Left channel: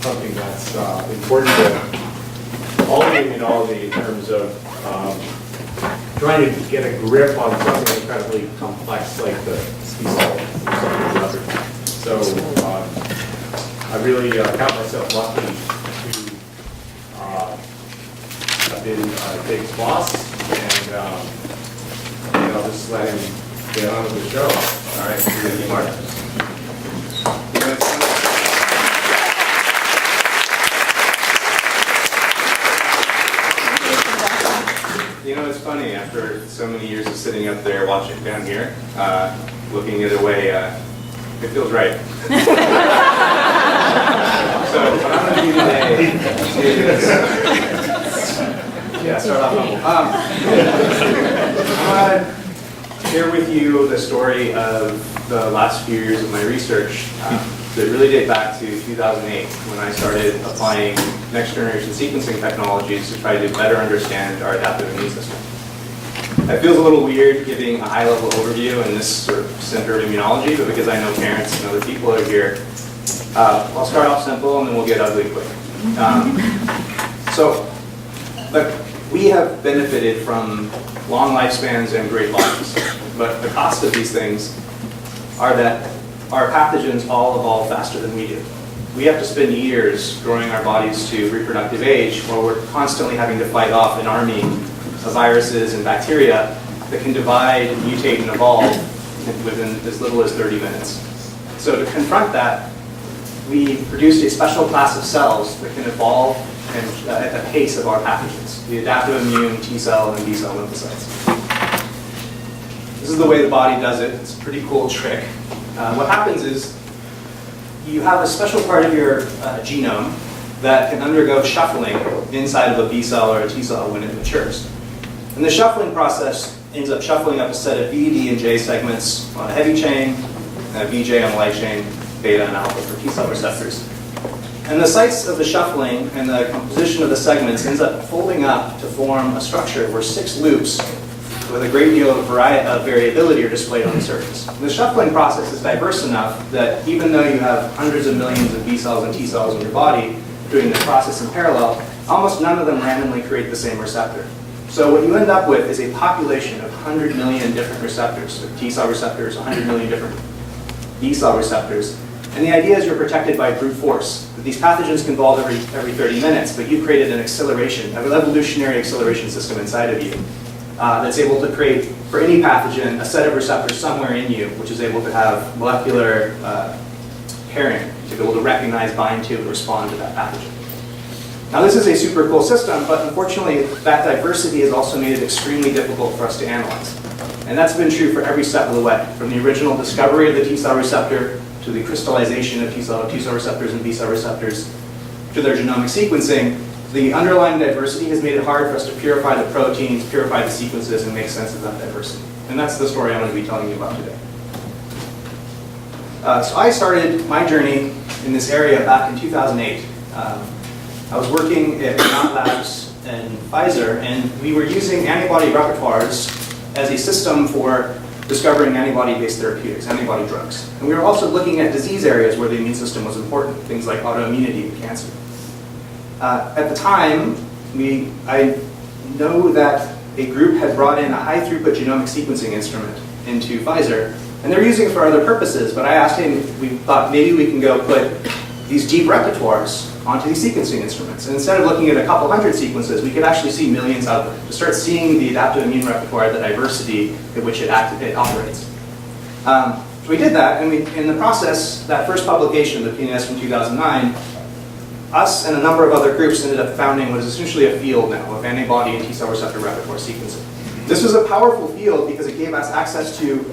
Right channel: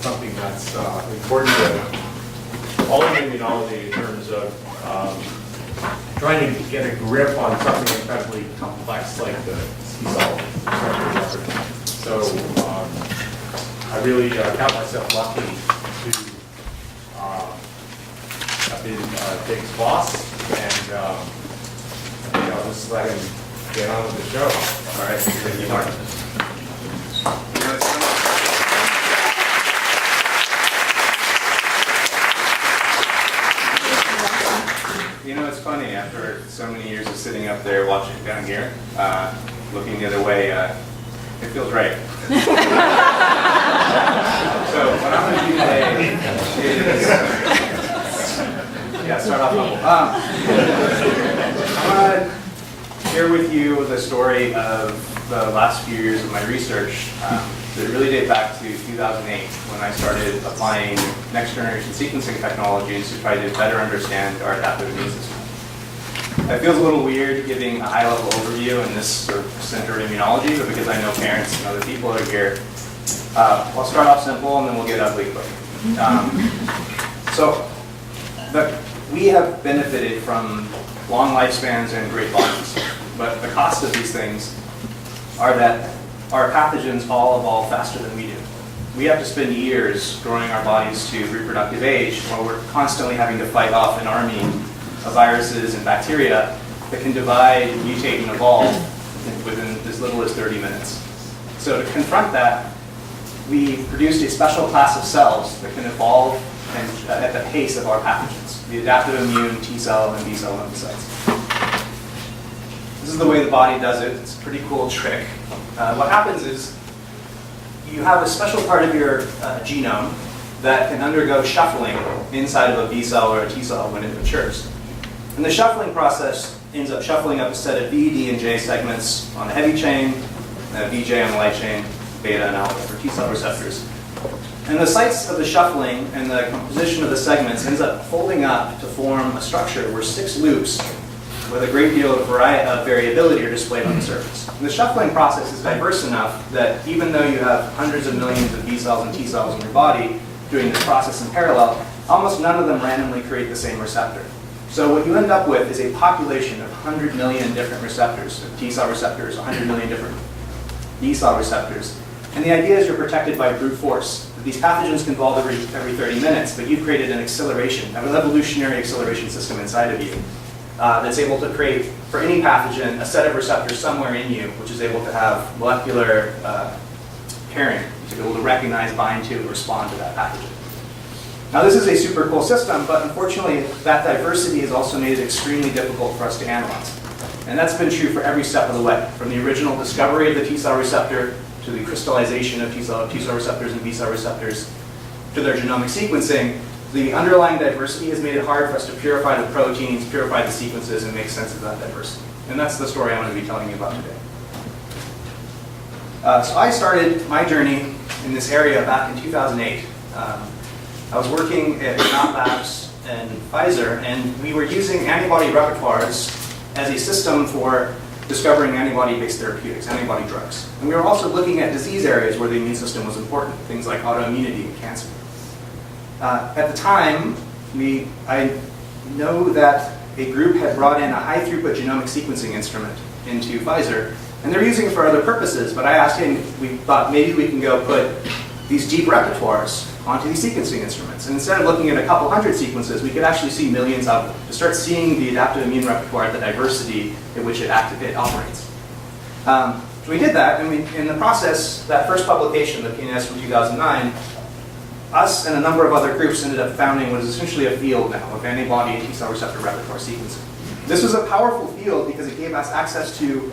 something that's important to all of immunology in terms of trying to get a grip on something incredibly complex like the T-cell receptor repertoire. So I really count myself lucky to have been Dig's boss, and I'll just let him get on with the show. All right, you're going to be talking. You know, it's funny, after so many years of sitting up there watching down here, looking the other way, it feels right. So what I'm going to do today is, start off humble. I'm going to share with you the story of the last few years of my research that really date back to 2008, when I started applying next-generation sequencing technologies to try to better understand our adaptive immune system. It feels a little weird giving a high-level overview in this sort of center of immunology, but because I know parents and other people are here, I'll start off simple and then we'll get ugly quick. We have benefited from long lifespans and great bodies, but the cost of these things are that our pathogens all evolve faster than we do. We have to spend years growing our bodies to reproductive age while we're constantly having to fight off an army of viruses and bacteria that can divide, mutate, and evolve within as little as 30 minutes. So to confront that, we produced a special class of cells that can evolve at the pace of our pathogens, the adaptive immune T-cell and B-cell lymphocytes. This is the way the body does it. It's a pretty cool trick. What happens is you have a special part of your genome that can undergo shuffling inside of a B-cell or a T-cell when it matures. And the shuffling process ends up shuffling up a set of B, D, and J segments on a heavy chain, and a VJ on a light chain, beta and alpha for T-cell receptors. And the sites of the shuffling and the composition of the segments ends up folding up to form a structure where 6 loops with a great deal of variability are displayed on the surface. And the shuffling process is diverse enough that even though you have hundreds of millions of B cells and T cells in your body doing this process in parallel, almost none of them randomly create the same receptor. So what you end up with is a population of 100 million different receptors, T cell receptors, 100 million different B cell receptors. And the idea is you're protected by brute force. These pathogens can evolve every 30 minutes, but you've created an acceleration, an evolutionary acceleration system inside of you that's able to create, for any pathogen, a set of receptors somewhere in you, which is able to have molecular pairing, to be able to recognize, bind to, and respond to that pathogen. Now this is a super cool system, but unfortunately that diversity has also made it extremely difficult for us to analyze. And that's been true for every step of the way, from the original discovery of the T-cell receptor to the crystallization of T-cell receptors and B-cell receptors to their genomic sequencing. The underlying diversity has made it hard for us to purify the proteins, purify the sequences, and make sense of that diversity. And that's the story I'm going to be telling you about today. So I started my journey in this area back in 2008. I was working at Mount Labs and Pfizer, and we were using antibody repertoires as a system for discovering antibody-based therapeutics, antibody drugs. And we were also looking at disease areas where the immune system was important, things like autoimmunity and cancer. At the time, I know that a group had brought in a high-throughput genomic sequencing instrument into Pfizer, and they're using it for other purposes, but I asked him, we thought maybe we can go put these deep repertoires onto these sequencing instruments. And instead of looking at a couple hundred sequences, we could actually see millions out there, to start seeing the adaptive immune repertoire, the diversity in which it operates. So we did that, and in the process, that first publication, the PNAS from 2009, us and a number of other groups ended up founding what is essentially a field now of antibody and T-cell receptor repertoire sequencing. This was a powerful field because it gave us access to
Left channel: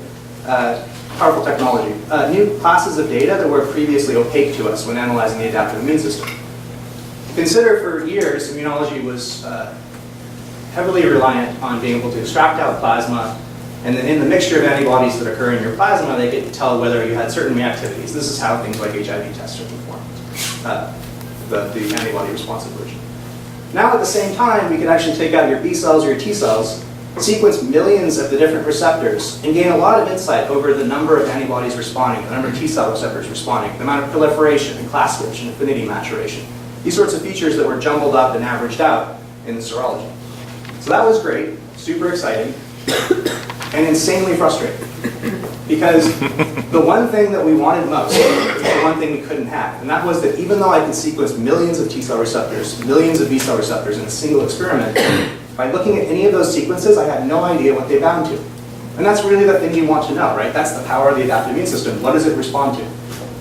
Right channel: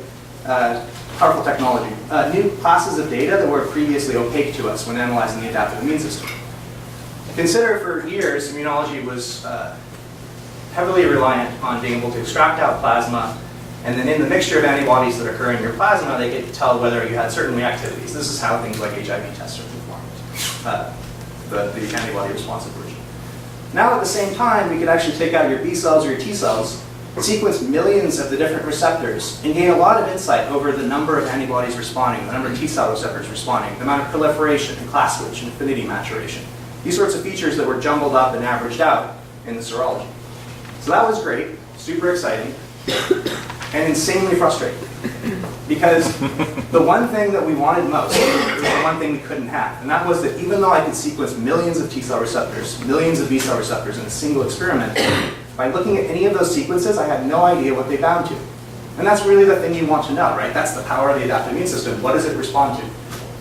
powerful technology, new classes of data that were previously opaque to us when analyzing the adaptive immune system. Consider for years, immunology was heavily reliant on being able to extract out plasma, and then in the mixture of antibodies that occur in your plasma, they could tell whether you had certain reactivities. This is how things like HIV tests are performed, the antibody responsive version. Now at the same time, we could actually take out your B cells or your T cells, sequence millions of the different receptors, and gain a lot of insight over the number of antibodies responding, the number of T cell receptors responding, the amount of proliferation and class switch and affinity maturation. These sorts of features that were jumbled up and averaged out in the serology. So that was great, super exciting, and insanely frustrating. Because the one thing that we wanted most was the one thing we couldn't have. And that was that even though I could sequence millions of T cell receptors, millions of B cell receptors in a single experiment, by looking at any of those sequences, I had no idea what they bound to. And that's really the thing you want to know, right? That's the power of the adaptive immune system. What does it respond to?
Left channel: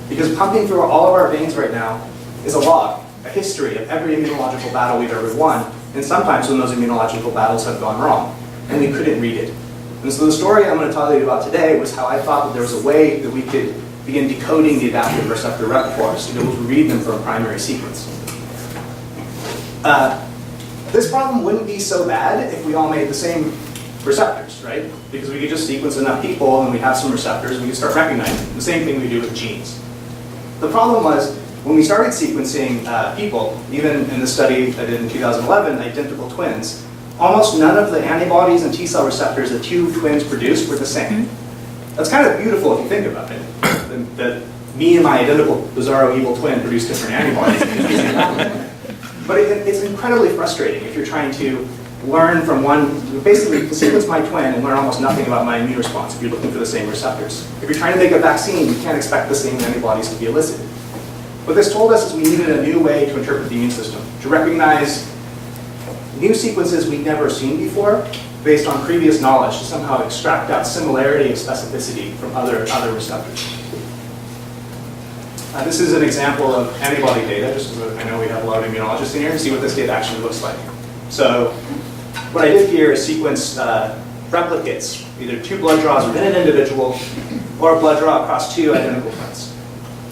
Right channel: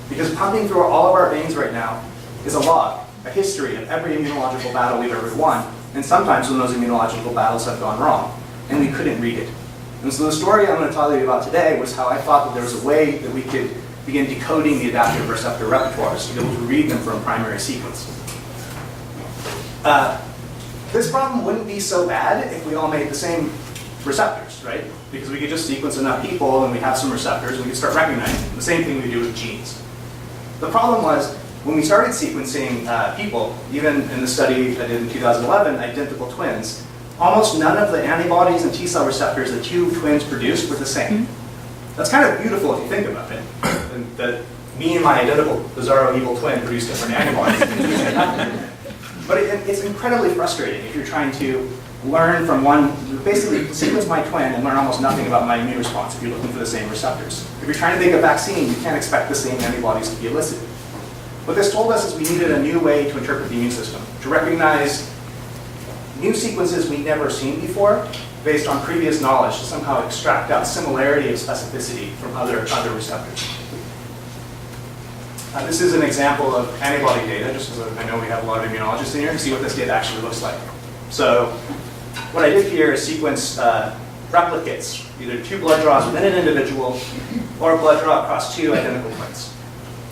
Because pumping through all of our veins right now is a log, a history of every immunological battle we've ever won, and sometimes when those immunological battles have gone wrong, and we couldn't read it. And so the story I'm going to tell you about today was how I thought that there was a way that we could begin decoding the adaptive receptor repertoires to be able to read them from a primary sequence. This problem wouldn't be so bad if we all made the same receptors, right? Because we could just sequence enough people and we have some receptors and we could start recognizing them. The same thing we do with genes. The problem was when we started sequencing people, even in the study I did in 2011, identical twins, almost none of the antibodies and T cell receptors that two twins produced were the same. That's kind of beautiful if you think about it. That me and my identical bizarro evil twin produce different antibodies. But it's incredibly frustrating if you're trying to learn from one, basically sequence my twin and learn almost nothing about my immune response if you're looking for the same receptors. If you're trying to make a vaccine, you can't expect the same antibodies to be elicited. What this told us is we needed a new way to interpret the immune system, to recognize new sequences we'd never seen before based on previous knowledge to somehow extract out similarity of specificity from other receptors. This is an example of antibody data, just because I know we have a lot of immunologists in here, to see what this data actually looks like. So what I did here is sequence replicates, either two blood draws within an individual or a blood draw across two identical twins.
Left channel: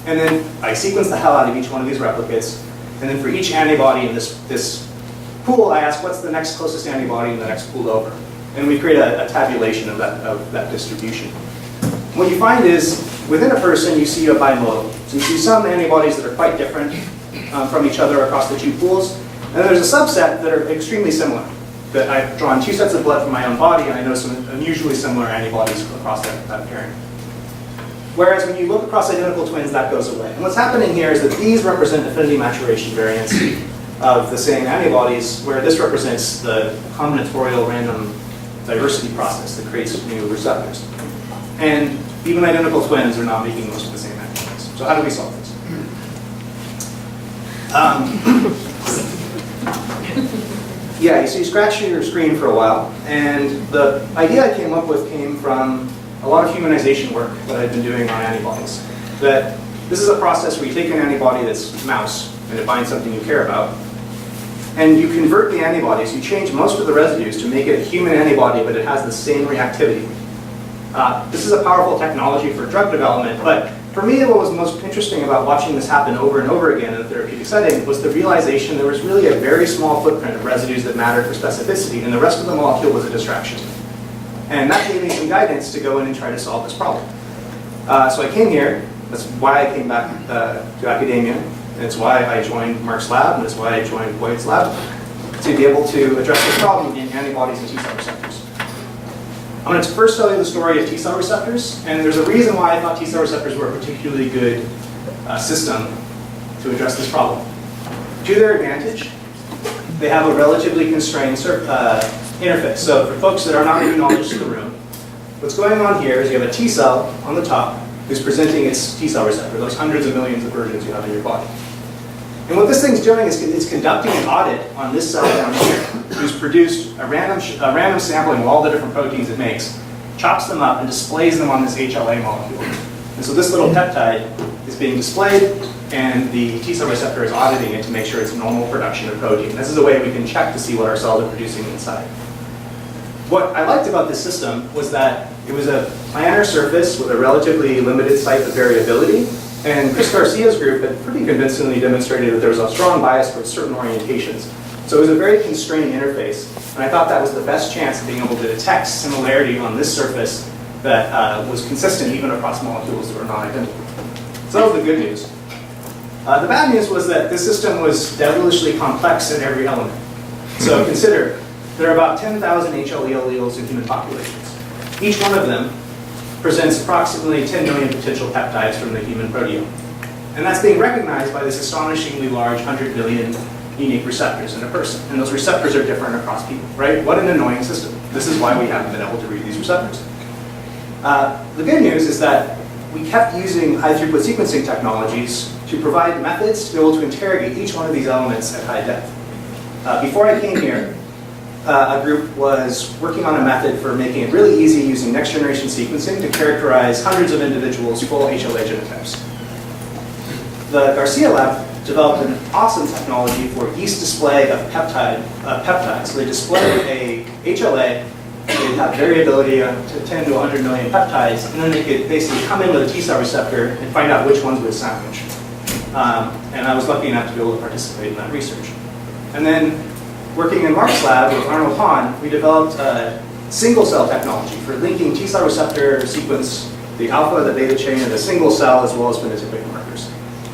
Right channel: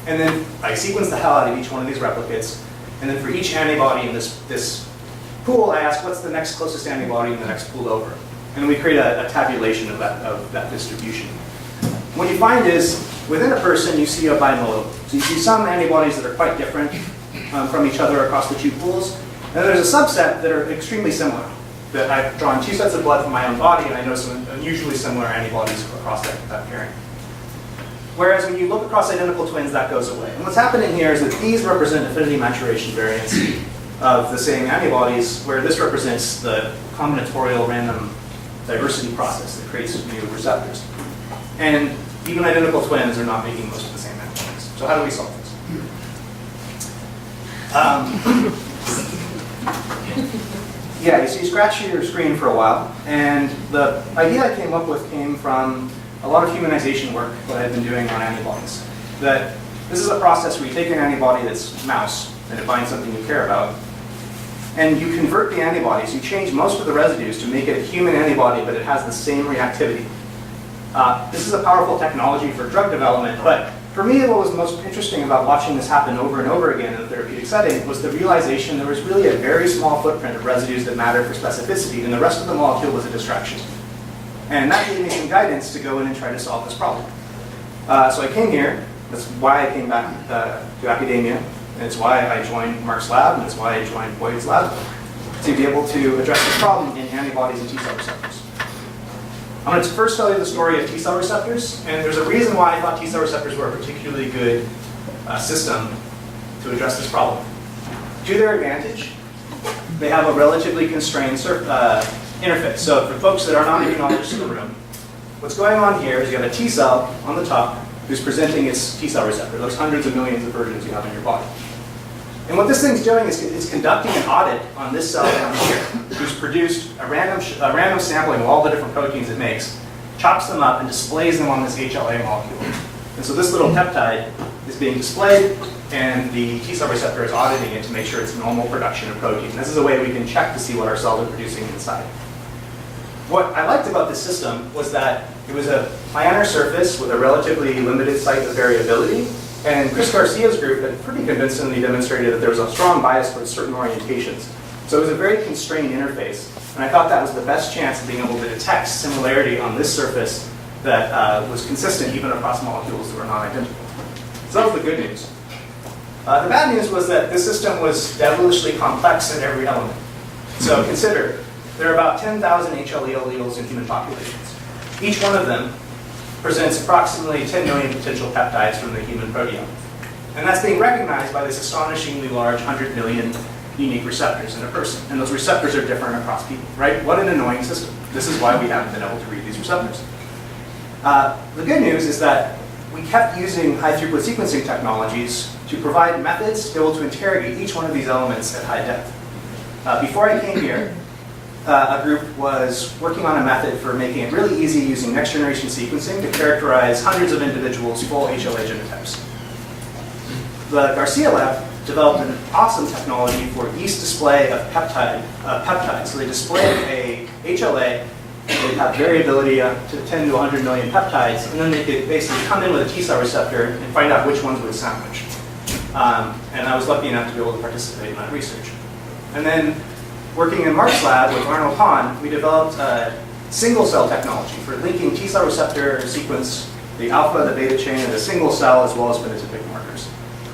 And then I sequenced the hell out of each one of these replicates, and then for each antibody in this pool, I asked what's the next closest antibody in the next pool over. And we create a tabulation of that distribution. What you find is, within a person, you see a bimodal. So you see some antibodies that are quite different from each other across the two pools. And then there's a subset that are extremely similar. That I've drawn two sets of blood from my own body, and I know some unusually similar antibodies across that pairing. Whereas when you look across identical twins, that goes away. And what's happening here is that these represent affinity maturation variants of the same antibodies, where this represents the combinatorial random diversity process that creates new receptors. And even identical twins are not making most of the same antibodies. So how do we solve this? Yeah, you scratch your screen for a while, and the idea I came up with came from a lot of humanization work that I've been doing on antibodies. That this is a process where you take an antibody that's mouse, and it binds something you care about, and you convert the antibodies, you change most of the residues to make it a human antibody, but it has the same reactivity. This is a powerful technology for drug development, but for me, what was most interesting about watching this happen over and over again in a therapeutic setting was the realization there was really a very small footprint of residues that mattered for specificity, and the rest of the molecule was a distraction. And that gave me some guidance to go in and try to solve this problem. So I came here. That's why I came back to academia. And it's why I joined Mark's lab, and it's why I joined Boyd's lab, to be able to address this problem in antibodies and T cell receptors. I'm going to first tell you the story of T cell receptors, and there's a reason why I thought T cell receptors were a particularly good system to address this problem. To their advantage, they have a relatively constrained interface. So for folks that are not immunologists in the room, what's going on here is you have a T cell on the top who's presenting its T cell receptor, those hundreds of millions of versions you have in your body. And what this thing's doing is it's conducting an audit on this cell down here, who's produced a random sampling of all the different proteins it makes, chops them up, and displays them on this HLA molecule. And so this little peptide is being displayed, and the T cell receptor is auditing it to make sure it's normal production of protein. This is a way we can check to see what our cells are producing inside. What I liked about this system was that it was a planar surface with a relatively limited site of variability, and Chris Garcia's group had pretty convincingly demonstrated that there was a strong bias towards certain orientations. So it was a very constrained interface, and I thought that was the best chance of being able to detect similarity on this surface that was consistent even across molecules that were not identical. So that was the good news. The bad news was that this system was devilishly complex in every element. So consider, there are about 10,000 HLA alleles in human populations. Each one of them presents approximately 10 million potential peptides from the human proteome. And that's being recognized by this astonishingly large 100 million unique receptors in a person. And those receptors are different across people, right? What an annoying system. This is why we haven't been able to read these receptors. The good news is that we kept using high-throughput sequencing technologies to provide methods to be able to interrogate each one of these elements at high depth. Before I came here, a group was working on a method for making it really easy using next-generation sequencing to characterize hundreds of individuals' full HLA genotypes. The Garcia lab developed an awesome technology for yeast display of peptides. So they display a HLA, they'd have variability to 10 to 100 million peptides, and then they could basically come in with a T-cell receptor and find out which ones would sandwich. And I was lucky enough to be able to participate in that research. And then working in Mark's lab with Arnold Hahn, we developed a single-cell technology for linking T-cell receptor sequence, the alpha, the beta chain, of the single cell, as well as phenotypic markers.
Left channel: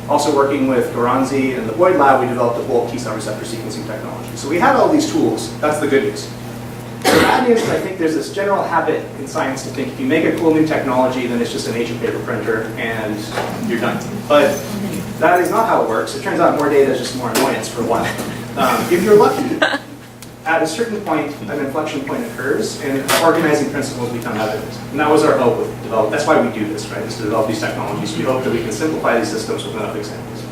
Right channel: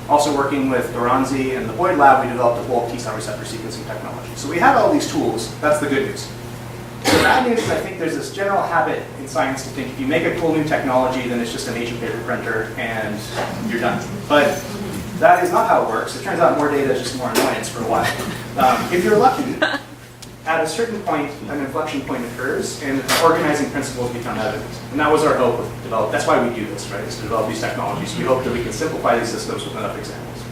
Also working with Goranzi and the Boyd lab, we developed a full T-cell receptor sequencing technology. So we had all these tools. That's the good news. The bad news is I think there's this general habit in science to think if you make a cool new technology, then it's just an H paper printer and you're done. But that is not how it works. It turns out more data is just more annoyance for a while. If you're lucky, at a certain point, an inflection point occurs and organizing principles become evident. And that was our hope with development. That's why we do this, right? Is to develop these technologies. We hope that we can simplify these systems with enough examples.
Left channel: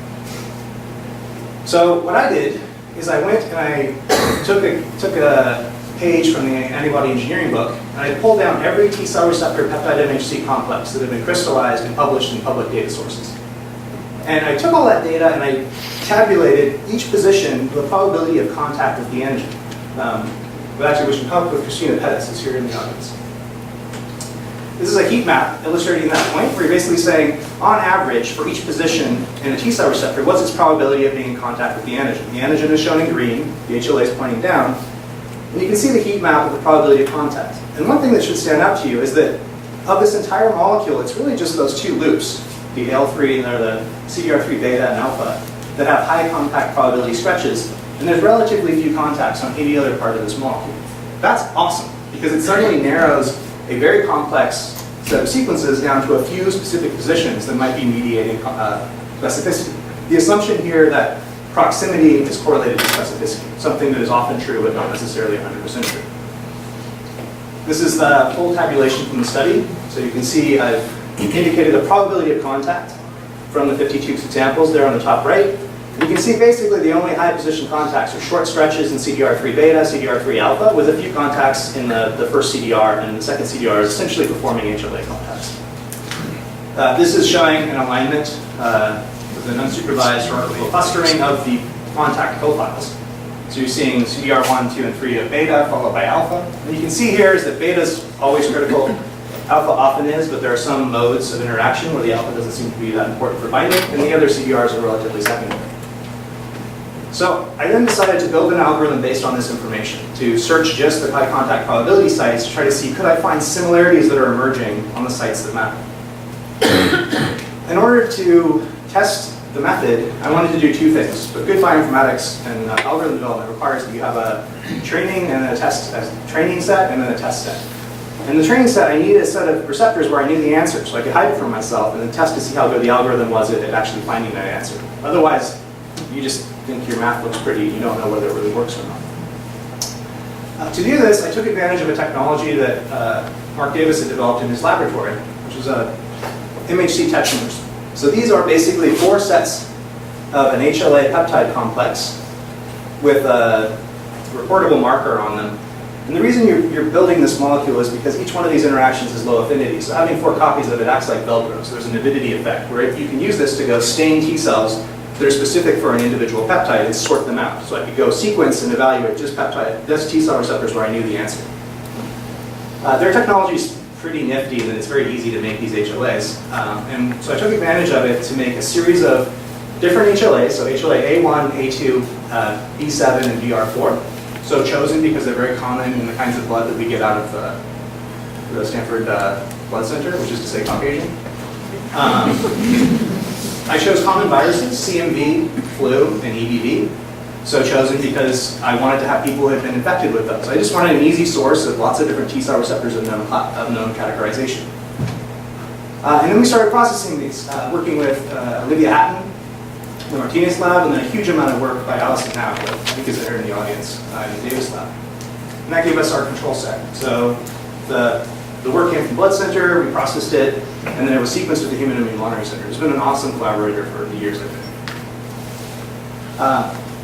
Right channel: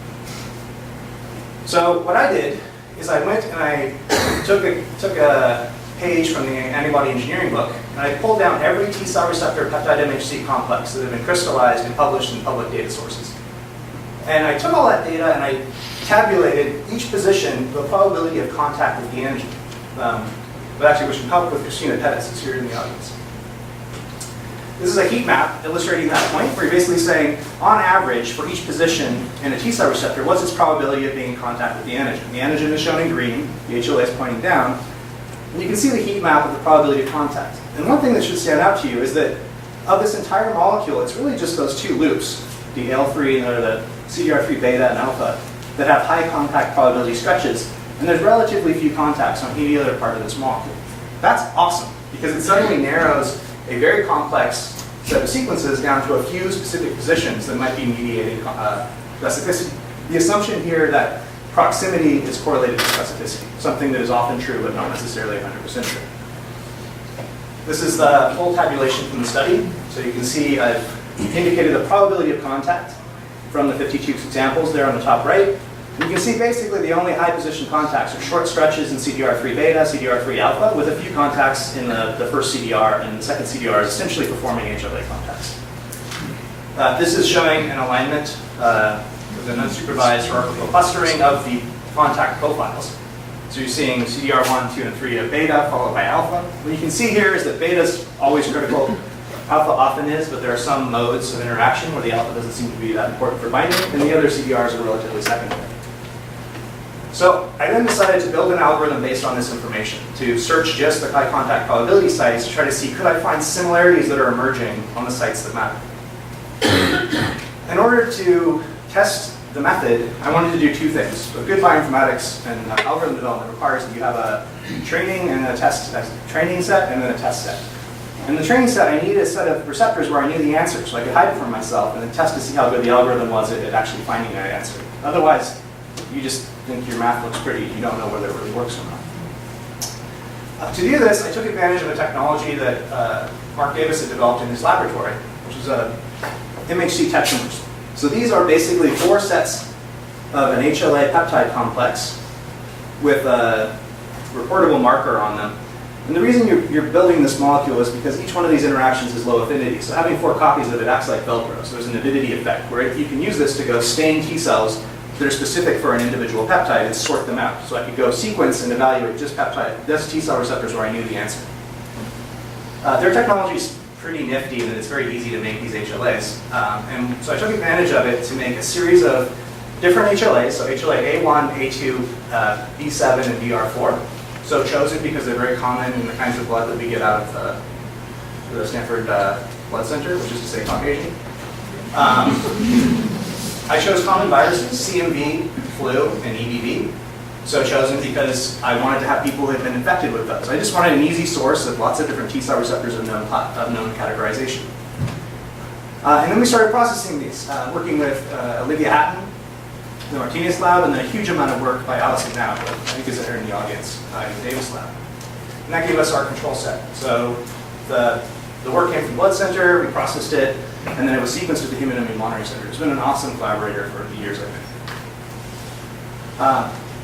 So what I did is I went and I took a page from the antibody engineering book, and I pulled down every T-cell receptor peptide MHC complex that had been crystallized and published in public data sources. And I took all that data and I tabulated each position, the probability of contact with the antigen. Actually, we should talk with Christina Pettis, who's here in the audience. This is a heat map illustrating that point, where you're basically saying, on average, for each position in a T-cell receptor, what's its probability of being in contact with the antigen? The antigen is shown in green, the HLA is pointing down, and you can see the heat map of the probability of contact. And one thing that should stand out to you is that of this entire molecule, it's really just those two loops, the L3 or the CDR3 beta and alpha, that have high contact probability stretches, and there's relatively few contacts on any other part of this molecule. That's awesome, because it suddenly narrows a very complex set of sequences down to a few specific positions that might be mediating specificity. The assumption here that proximity is correlated to specificity, something that is often true but not necessarily 100% true. This is the full tabulation from the study. So you can see I've indicated a probability of contact from the 52 examples there on the top right. You can see basically the only high position contacts are short stretches in CDR3 beta, CDR3 alpha, with a few contacts in the first CDR, and the second CDR is essentially performing HLA contacts. This is showing an alignment with an unsupervised hierarchical clustering of the contact profiles. So you're seeing CDR1, 2, and 3 to beta, followed by alpha. What you can see here is that beta is always critical. Alpha often is, but there are some modes of interaction where the alpha doesn't seem to be that important for binding, and the other CDRs are relatively secondary. So I then decided to build an algorithm based on this information to search just the high contact probability sites to try to see could I find similarities that are emerging on the sites that matter. In order to test the method, I wanted to do two things. But good bioinformatics and algorithm development requires that you have a training and a training set and then a test set. In the training set, I needed a set of receptors where I knew the answer, so I could hide it from myself and then test to see how good the algorithm was at actually finding that answer. Otherwise, you just think your math looks pretty and you don't know whether it really works or not. To do this, I took advantage of a technology that Mark Davis had developed in his laboratory, which was a MHC tetramers. So these are basically 4 sets of an HLA peptide complex with a reportable marker on them. And the reason you're building this molecule is because each one of these interactions is low affinity. So having 4 copies of it acts like Velcro. So there's an avidity effect where you can use this to go stain T cells that are specific for an individual peptide and sort them out. So I could go sequence and evaluate just T cell receptors where I knew the answer. Their technology is pretty nifty and it's very easy to make these HLAs. And so I took advantage of it to make a series of different HLAs. So HLA A1, A2, B7, and DR4. So chosen because they're very common in the kinds of blood that we get out of the Stanford Blood Center, which is to say Caucasian. I chose common viruses, CMV, flu, and EBV. so chosen because I wanted to have people who had been infected with those. I just wanted an easy source of lots of different T-cell receptors of known categorization. And then we started processing these, working with Olivia Hatton, the Martinez lab, and then a huge amount of work by Allison Now, who I think is here in the audience, in the Davis lab. And that gave us our control set. So the work came from Blood Center, we processed it, and then it was sequenced at the Human Immune Monitoring Center. It's been an awesome collaborator for the years I've been.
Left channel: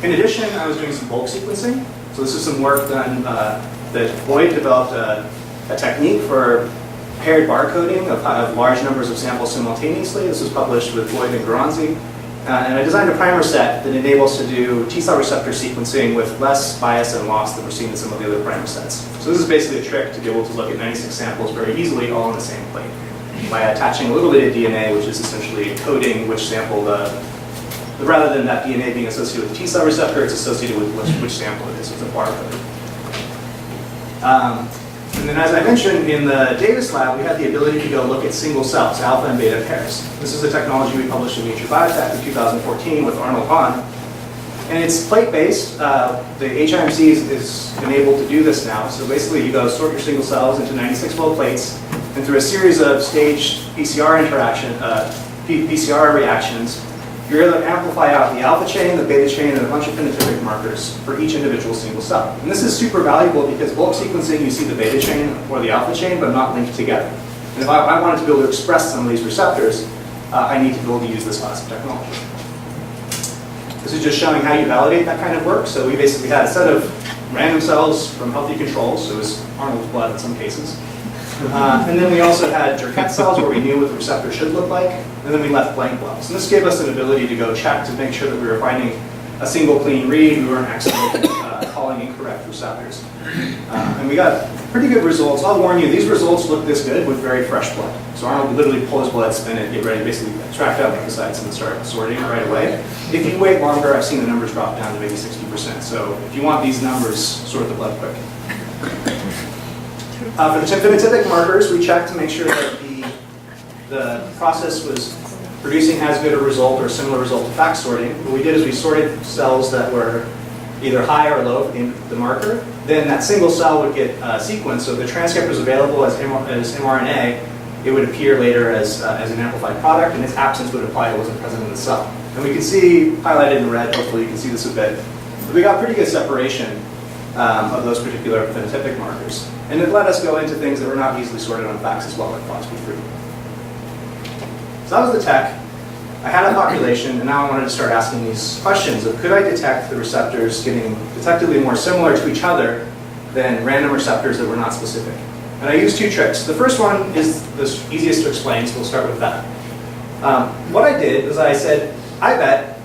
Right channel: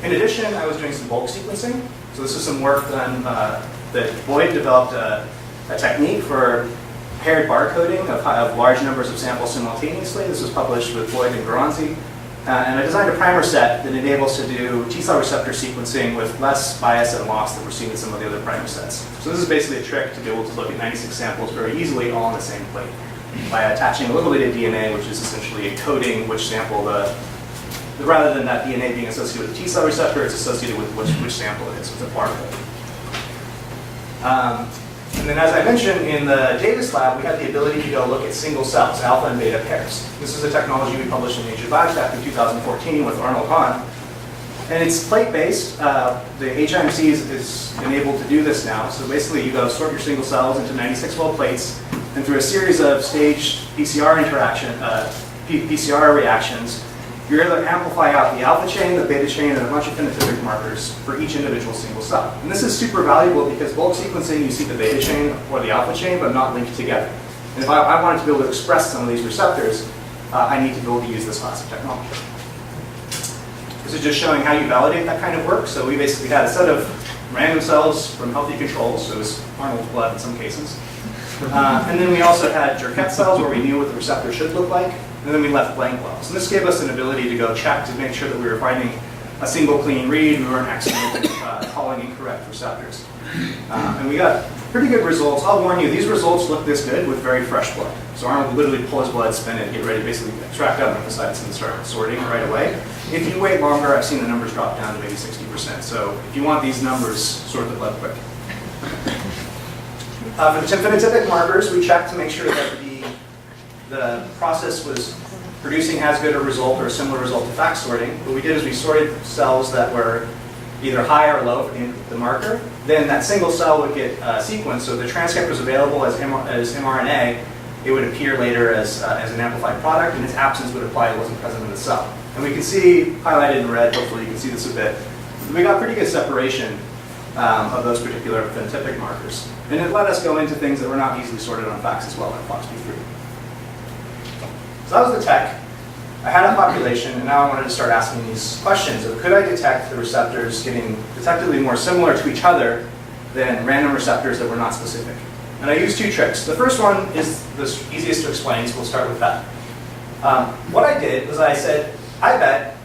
In addition, I was doing some bulk sequencing. So this is some work done that Boyd developed a technique for paired barcoding of large numbers of samples simultaneously. This was published with Boyd and Garanzi. And I designed a primer set that enables to do T-cell receptor sequencing with less bias and loss than we're seeing in some of the other primer sets. So this is basically a trick to be able to look at 96 samples very easily all on the same plate by attaching a little bit of DNA, which is essentially encoding which sample rather than that DNA being associated with the T-cell receptor, it's associated with which sample it is. So it's a barcode. And then as I mentioned, in the Davis lab, we had the ability to go look at single cells, alpha and beta pairs. This is a technology we published in Nature Biotech in 2014 with Arnold Hahn. And it's plate-based. The HIMC is enabled to do this now. So basically, you go sort your single cells into 96-well plates, and through a series of staged PCR reactions, you're able to amplify out the alpha chain, the beta chain, and a bunch of phenotypic markers for each individual single cell. And this is super valuable because bulk sequencing, you see the beta chain or the alpha chain, but not linked together. And if I wanted to be able to express some of these receptors, I need to be able to use this class of technology. This is just showing how you validate that kind of work. So we basically had a set of random cells from healthy controls, so it was Arnold's blood in some cases. And then we also had Jurkat cells where we knew what the receptor should look like, and then we left blank wells. And this gave us an ability to go check to make sure that we were finding a single clean read, we weren't accidentally calling incorrect receptors. And we got pretty good results. I'll warn you, these results look this good with very fresh blood. So Arnold would literally pull his blood, spin it, get ready, basically extract out lymphocytes and start sorting right away. If you wait longer, I've seen the numbers drop down to maybe 60%. So if you want these numbers, sort the blood quick. For the phenotypic markers, we checked to make sure that the process was producing as good a result or a similar result to FACS sorting. What we did is we sorted cells that were either high or low for the marker. Then that single cell would get sequenced, so if the transcript was available as mRNA, it would appear later as an amplified product, and its absence would imply it wasn't present in the cell. And we can see, highlighted in red, hopefully you can see this a bit, but we got pretty good separation of those particular phenotypic markers. And it let us go into things that were not easily sorted on FACS as well, like FOXP3. So that was the tech. I had a population, and now I wanted to start asking these questions of could I detect the receptors getting detectably more similar to each other than random receptors that were not specific. And I used two tricks. The first one is the easiest to explain, so we'll start with that. What I did was I said, I bet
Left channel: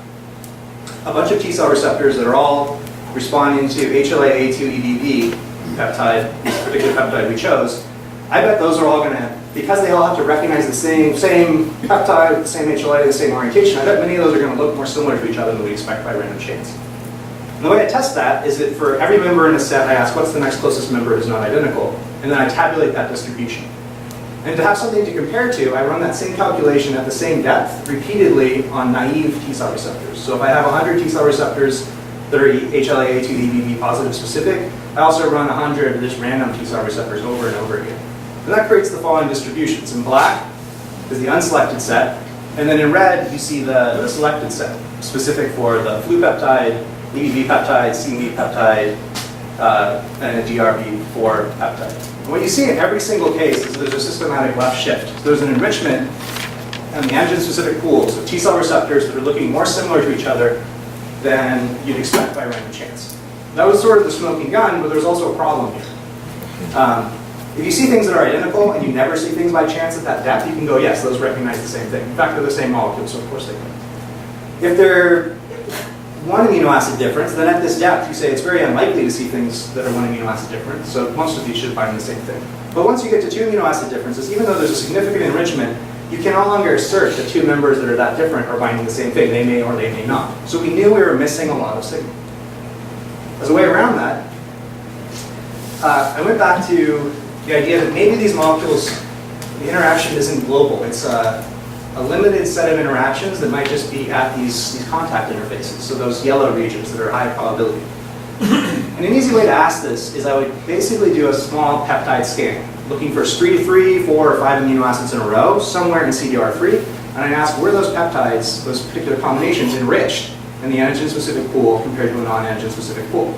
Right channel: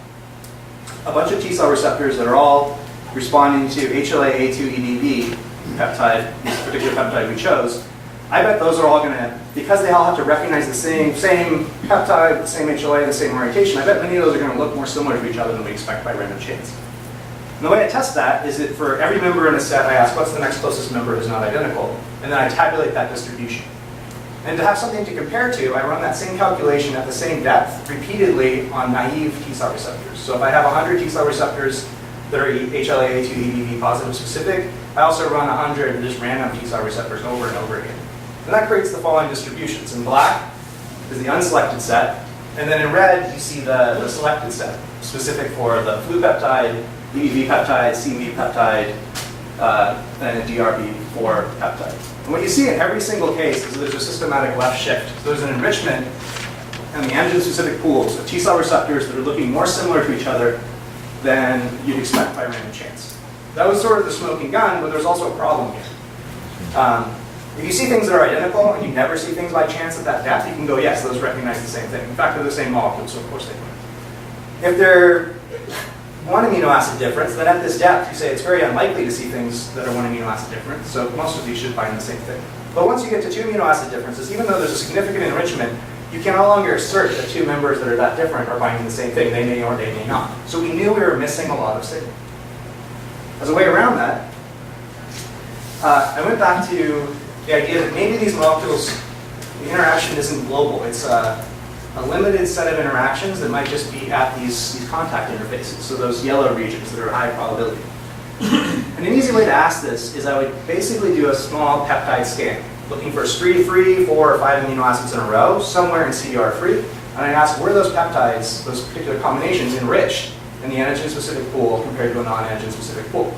a bunch of T-cell receptors that are all responding to HLA-A2-EBV peptide, this particular peptide we chose, I bet those are all going to, because they all have to recognize the same peptide, the same HLA, the same orientation, I bet many of those are going to look more similar to each other than we expect by random chance. And the way I test that is that for every member in a set, I ask what's the next closest member who's not identical, and then I tabulate that distribution. And to have something to compare to, I run that same calculation at the same depth repeatedly on naive T-cell receptors. So if I have 100 T-cell receptors that are HLA-A2-EBV positive specific, I also run 100 just random T-cell receptors over and over again. And that creates the following distributions. In black is the unselected set, and then in red you see the selected set, specific for the flu peptide, EBV peptide, CMV peptide, and a DRB4 peptide. And what you see in every single case is there's a systematic left shift. So there's an enrichment in the antigen-specific pools of T-cell receptors that are looking more similar to each other than you'd expect by random chance. That was sort of the smoking gun, but there's also a problem here. If you see things that are identical and you never see things by chance at that depth, you can go, yes, those recognize the same thing. In fact, they're the same molecule, so of course they would. If they're one amino acid difference, then at this depth, you say it's very unlikely to see things that are one amino acid different, so most of these should find the same thing. But once you get to two amino acid differences, even though there's a significant enrichment, you can no longer assert that two members that are that different are binding the same thing. They may or they may not. So we knew we were missing a lot of signal. As a way around that, I went back to the idea that maybe these molecules, the interaction isn't global. It's a limited set of interactions that might just be at these contact interfaces, so those yellow regions that are high probability. And an easy way to ask this is I would basically do a small peptide scan, looking for 3, 4, or 5 amino acids in a row, somewhere in CDR3, and I ask were those peptides, those particular combinations, enriched in the antigen-specific pool compared to a non-antigen-specific pool.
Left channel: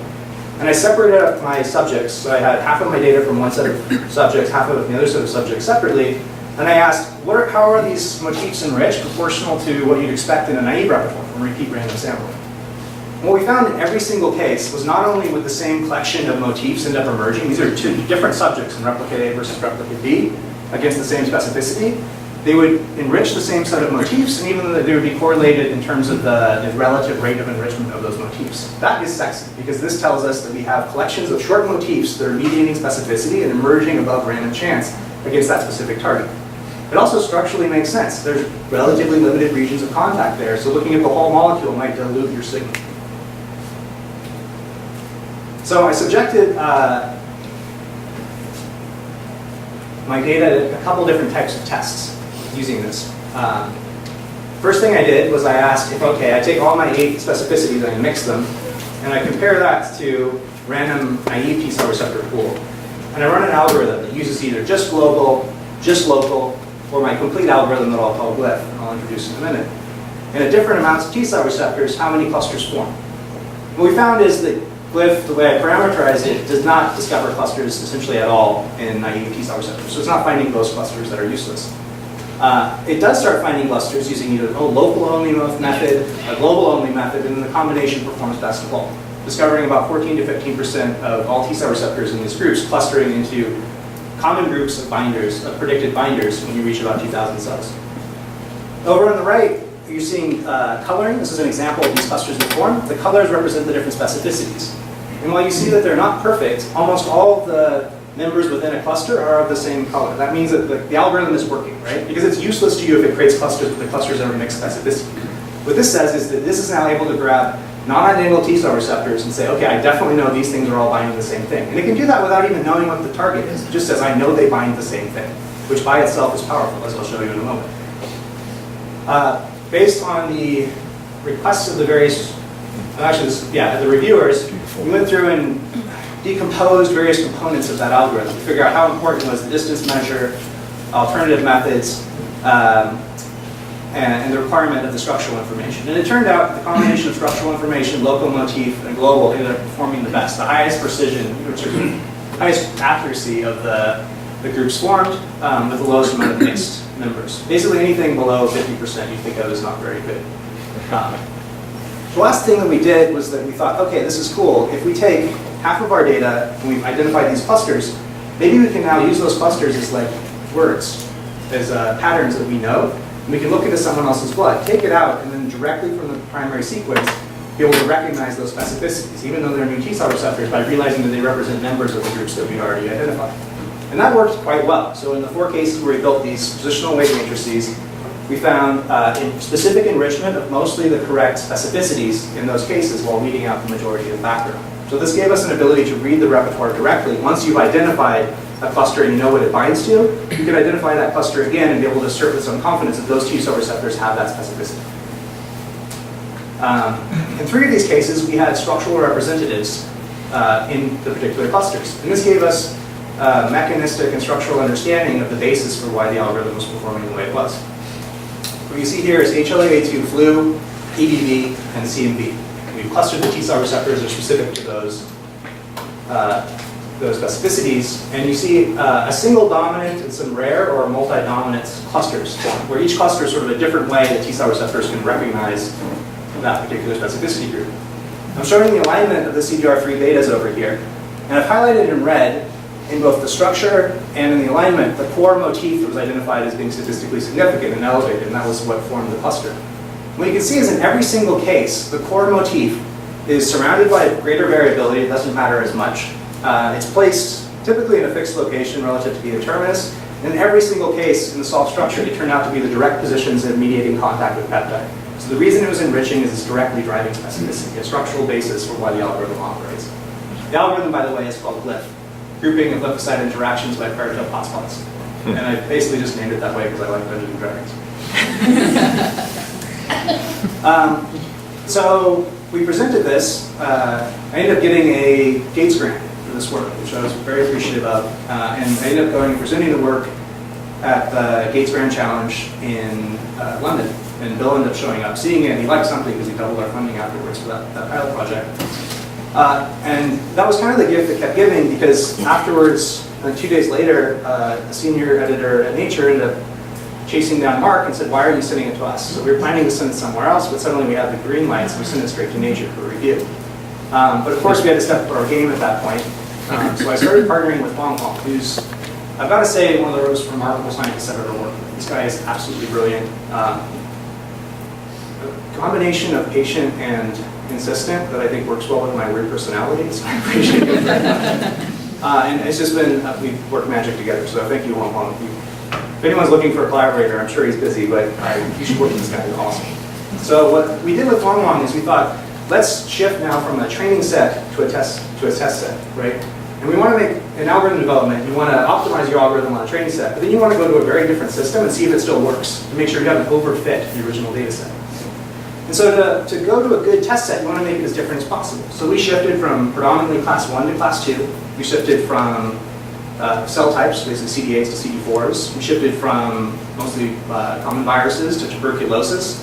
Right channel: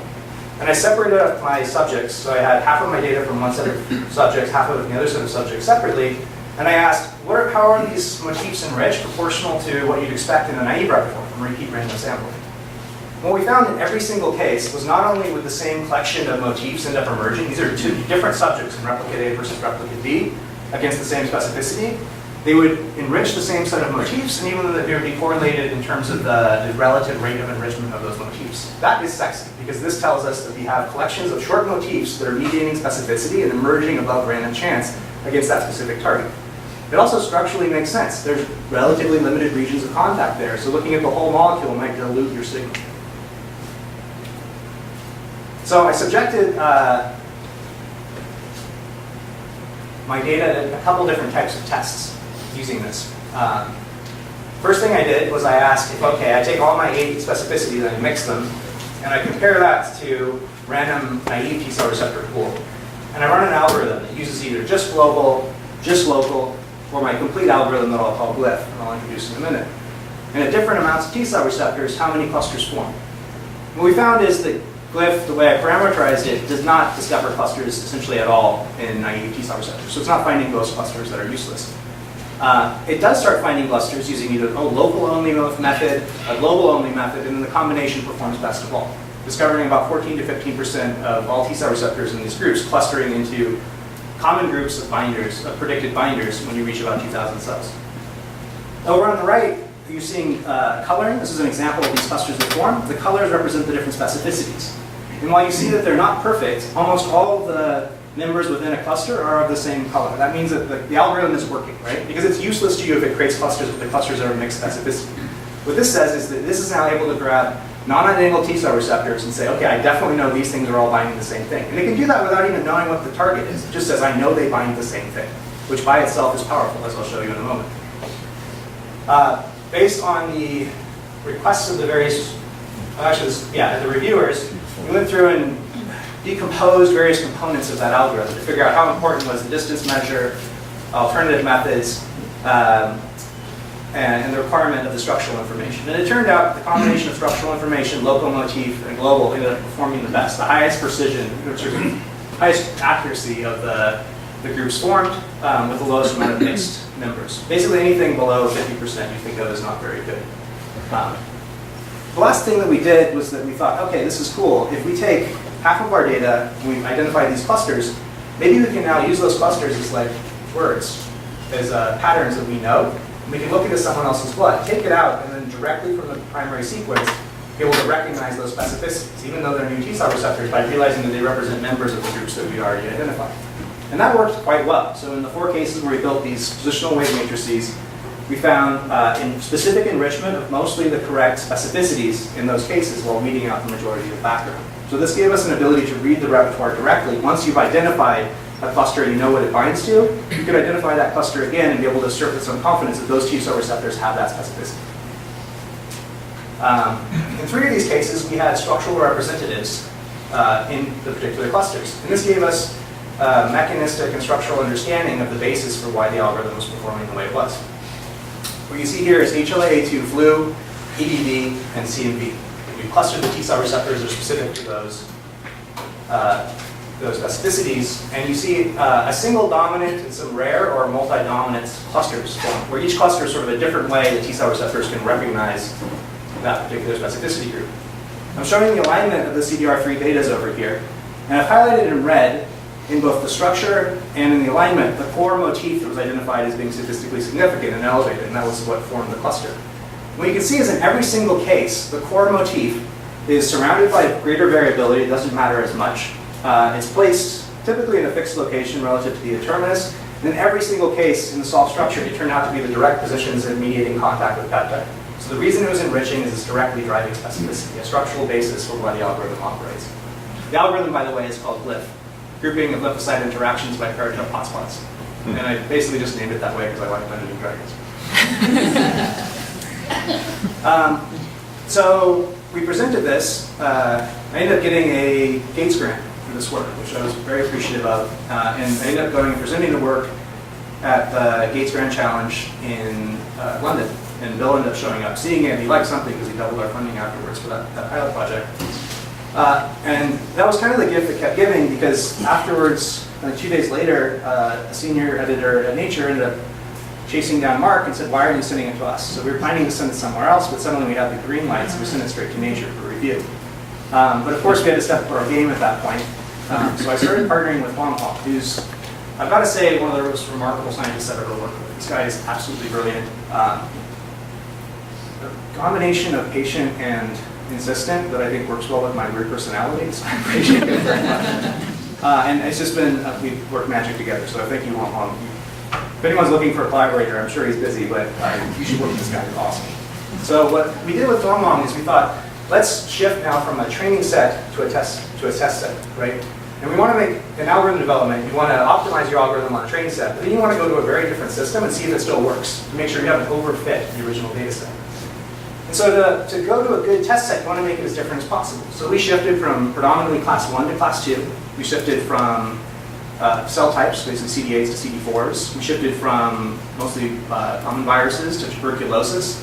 And I separated out my subjects, so I had half of my data from one set of subjects, half of it from the other set of subjects separately, and I asked, how are these motifs enriched proportional to what you'd expect in a naive repertoire from repeat random sampling? What we found in every single case was not only would the same collection of motifs end up emerging, these are two different subjects in replicate A versus replicate B against the same specificity, they would enrich the same set of motifs, and even they would be correlated in terms of the relative rate of enrichment of those motifs. That is sexy, because this tells us that we have collections of short motifs that are mediating specificity and emerging above random chance against that specific target. It also structurally makes sense. There's relatively limited regions of contact there, so looking at the whole molecule might dilute your signal. So I subjected my data to a couple different types of tests using this. First thing I did was I asked if, okay, I take all my 8 specificities and I mix them, and I compare that to random naive T-cell receptor pool. And I run an algorithm that uses either just global, just local, or my complete algorithm that I'll call Glyph, and I'll introduce in a minute. And at different amounts of T-cell receptors, how many clusters form. And what we found is that Glyph, the way I parameterized it, does not discover clusters essentially at all in naive T-cell receptors. So it's not finding those clusters that are useless. It does start finding clusters using either a local-only method, a global-only method, and then the combination performs best of all, discovering about 14 to 15% of all T-cell receptors in these groups clustering into common groups of binders, of predicted binders, when you reach about 2,000 cells. Over on the right, you're seeing coloring. This is an example of these clusters that form. The colors represent the different specificities. And while you see that they're not perfect, almost all of the members within a cluster are of the same color. That means that the algorithm is working, right? Because it's useless to you if it creates clusters, but the clusters are of mixed specificity. What this says is that this is now able to grab non-identical T-cell receptors and say, okay, I definitely know these things are all binding the same thing. And it can do that without even knowing what the target is. It just says, I know they bind the same thing, which by itself is powerful, as I'll show you in a moment. Based on the requests of the various, the reviewers, we went through and decomposed various components of that algorithm to figure out how important was the distance measure, alternative methods, and the requirement of the structural information. And it turned out the combination of structural information, local motif, and global ended up performing the best, the highest precision, which is the highest accuracy of the groups formed with the lowest amount of mixed members. Basically anything below 50% you think of as not very good. The last thing that we did was that we thought, okay, this is cool. If we take half of our data and we've identified these clusters, maybe we can now use those clusters as like words, as patterns that we know. And we can look into someone else's blood, take it out, and then directly from the primary sequence, be able to recognize those specificities, even though they're new T-cell receptors, by realizing that they represent members of the groups that we'd already identified. And that worked quite well. So in the 4 cases where we built these positional weight matrices, we found in specific enrichment of mostly the correct specificities in those cases while weeding out the majority of the background. So this gave us an ability to read the repertoire directly. Once you've identified a cluster and you know what it binds to, you can identify that cluster again and be able to assert with some confidence that those T-cell receptors have that specificity. In 3 of these cases, we had structural representatives in the particular clusters. And this gave us mechanistic and structural understanding of the basis for why the algorithm was performing the way it was. What you see here is HLA-A2 flu, EBV, and CMV. We've clustered the T-cell receptors are specific to those specificities, and you see a single dominant and some rare or multi-dominant clusters form, where each cluster is sort of a different way that T-cell receptors can recognize that particular specificity group. I'm showing the alignment of the CDR3 betas over here, and I've highlighted in red, in both the structure and in the alignment, the core motif that was identified as being statistically significant and elevated, and that was what formed the cluster. What you can see is in every single case, the core motif is surrounded by greater variability. It doesn't matter as much. It's placed typically in a fixed location relative to the N-terminus. And in every single case in the solved structure, it turned out to be the direct positions in mediating contact with peptide. So the reason it was enriching is it's directly driving specificity, a structural basis for why the algorithm operates. The algorithm, by the way, is called Glyph, grouping of lymphocyte interactions by paratope hotspots. And I basically just named it that way because I like Dungeons and Dragons. So we presented this. I ended up getting a Gates grant for this work, which I was very appreciative of. And I ended up going and presenting the work at the Gates Grand Challenge in London. And Bill ended up showing up, seeing it, and he liked something because he doubled our funding afterwards for that pilot project. And that was kind of the gift that kept giving, because afterwards, 2 days later, a senior editor at Nature ended up chasing down Mark and said, "Why are you sending it to us?" So we were planning to send it somewhere else, but suddenly we had the green light, so we sent it straight to Nature for review. But of course, we had to step up our game at that point. So I started partnering with Hong Kong, who's, I've got to say, one of the most remarkable scientists I've ever worked with. This guy is absolutely brilliant. A combination of patient and insistent that I think works well with my weird personality, so I appreciate it very much. And it's just been, we've worked magic together, so thank you, Hong Kong. If anyone's looking for a collaborator, I'm sure he's busy, but you should work with this guy. He's awesome. So what we did with Long Long is we thought, let's shift now from a training set to a test set, right? And we want to make an algorithm development. You want to optimize your algorithm on a training set, but then you want to go to a very different system and see if it still works to make sure we haven't overfit the original data set. And so to go to a good test set, you want to make it as different as possible. So we shifted from predominantly class 1 to class 2. We shifted from cell types, basically CD8s to CD4s. We shifted from mostly common viruses to tuberculosis.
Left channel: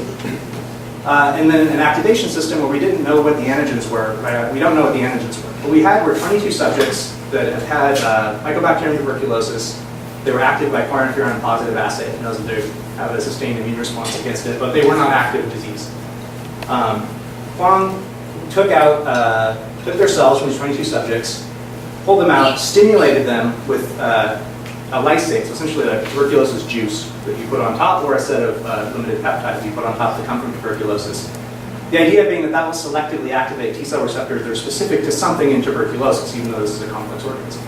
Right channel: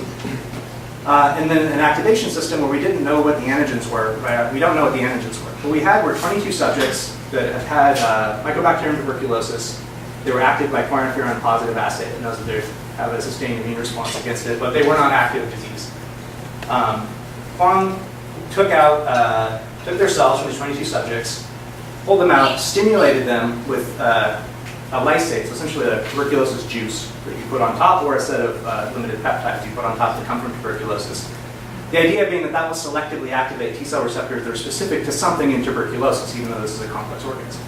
And then an activation system where we didn't know what the antigens were. We don't know what the antigens were. What we had were 22 subjects that have had mycobacterium tuberculosis. They were active by quantiferon positive assay. It knows that they have a sustained immune response against it, but they were not active disease. Huang took their cells from these 22 subjects, pulled them out, stimulated them with a lysate, so essentially a tuberculosis juice that you put on top, or a set of limited peptides you put on top that come from tuberculosis. The idea being that will selectively activate T-cell receptors that are specific to something in tuberculosis, even though this is a complex organism.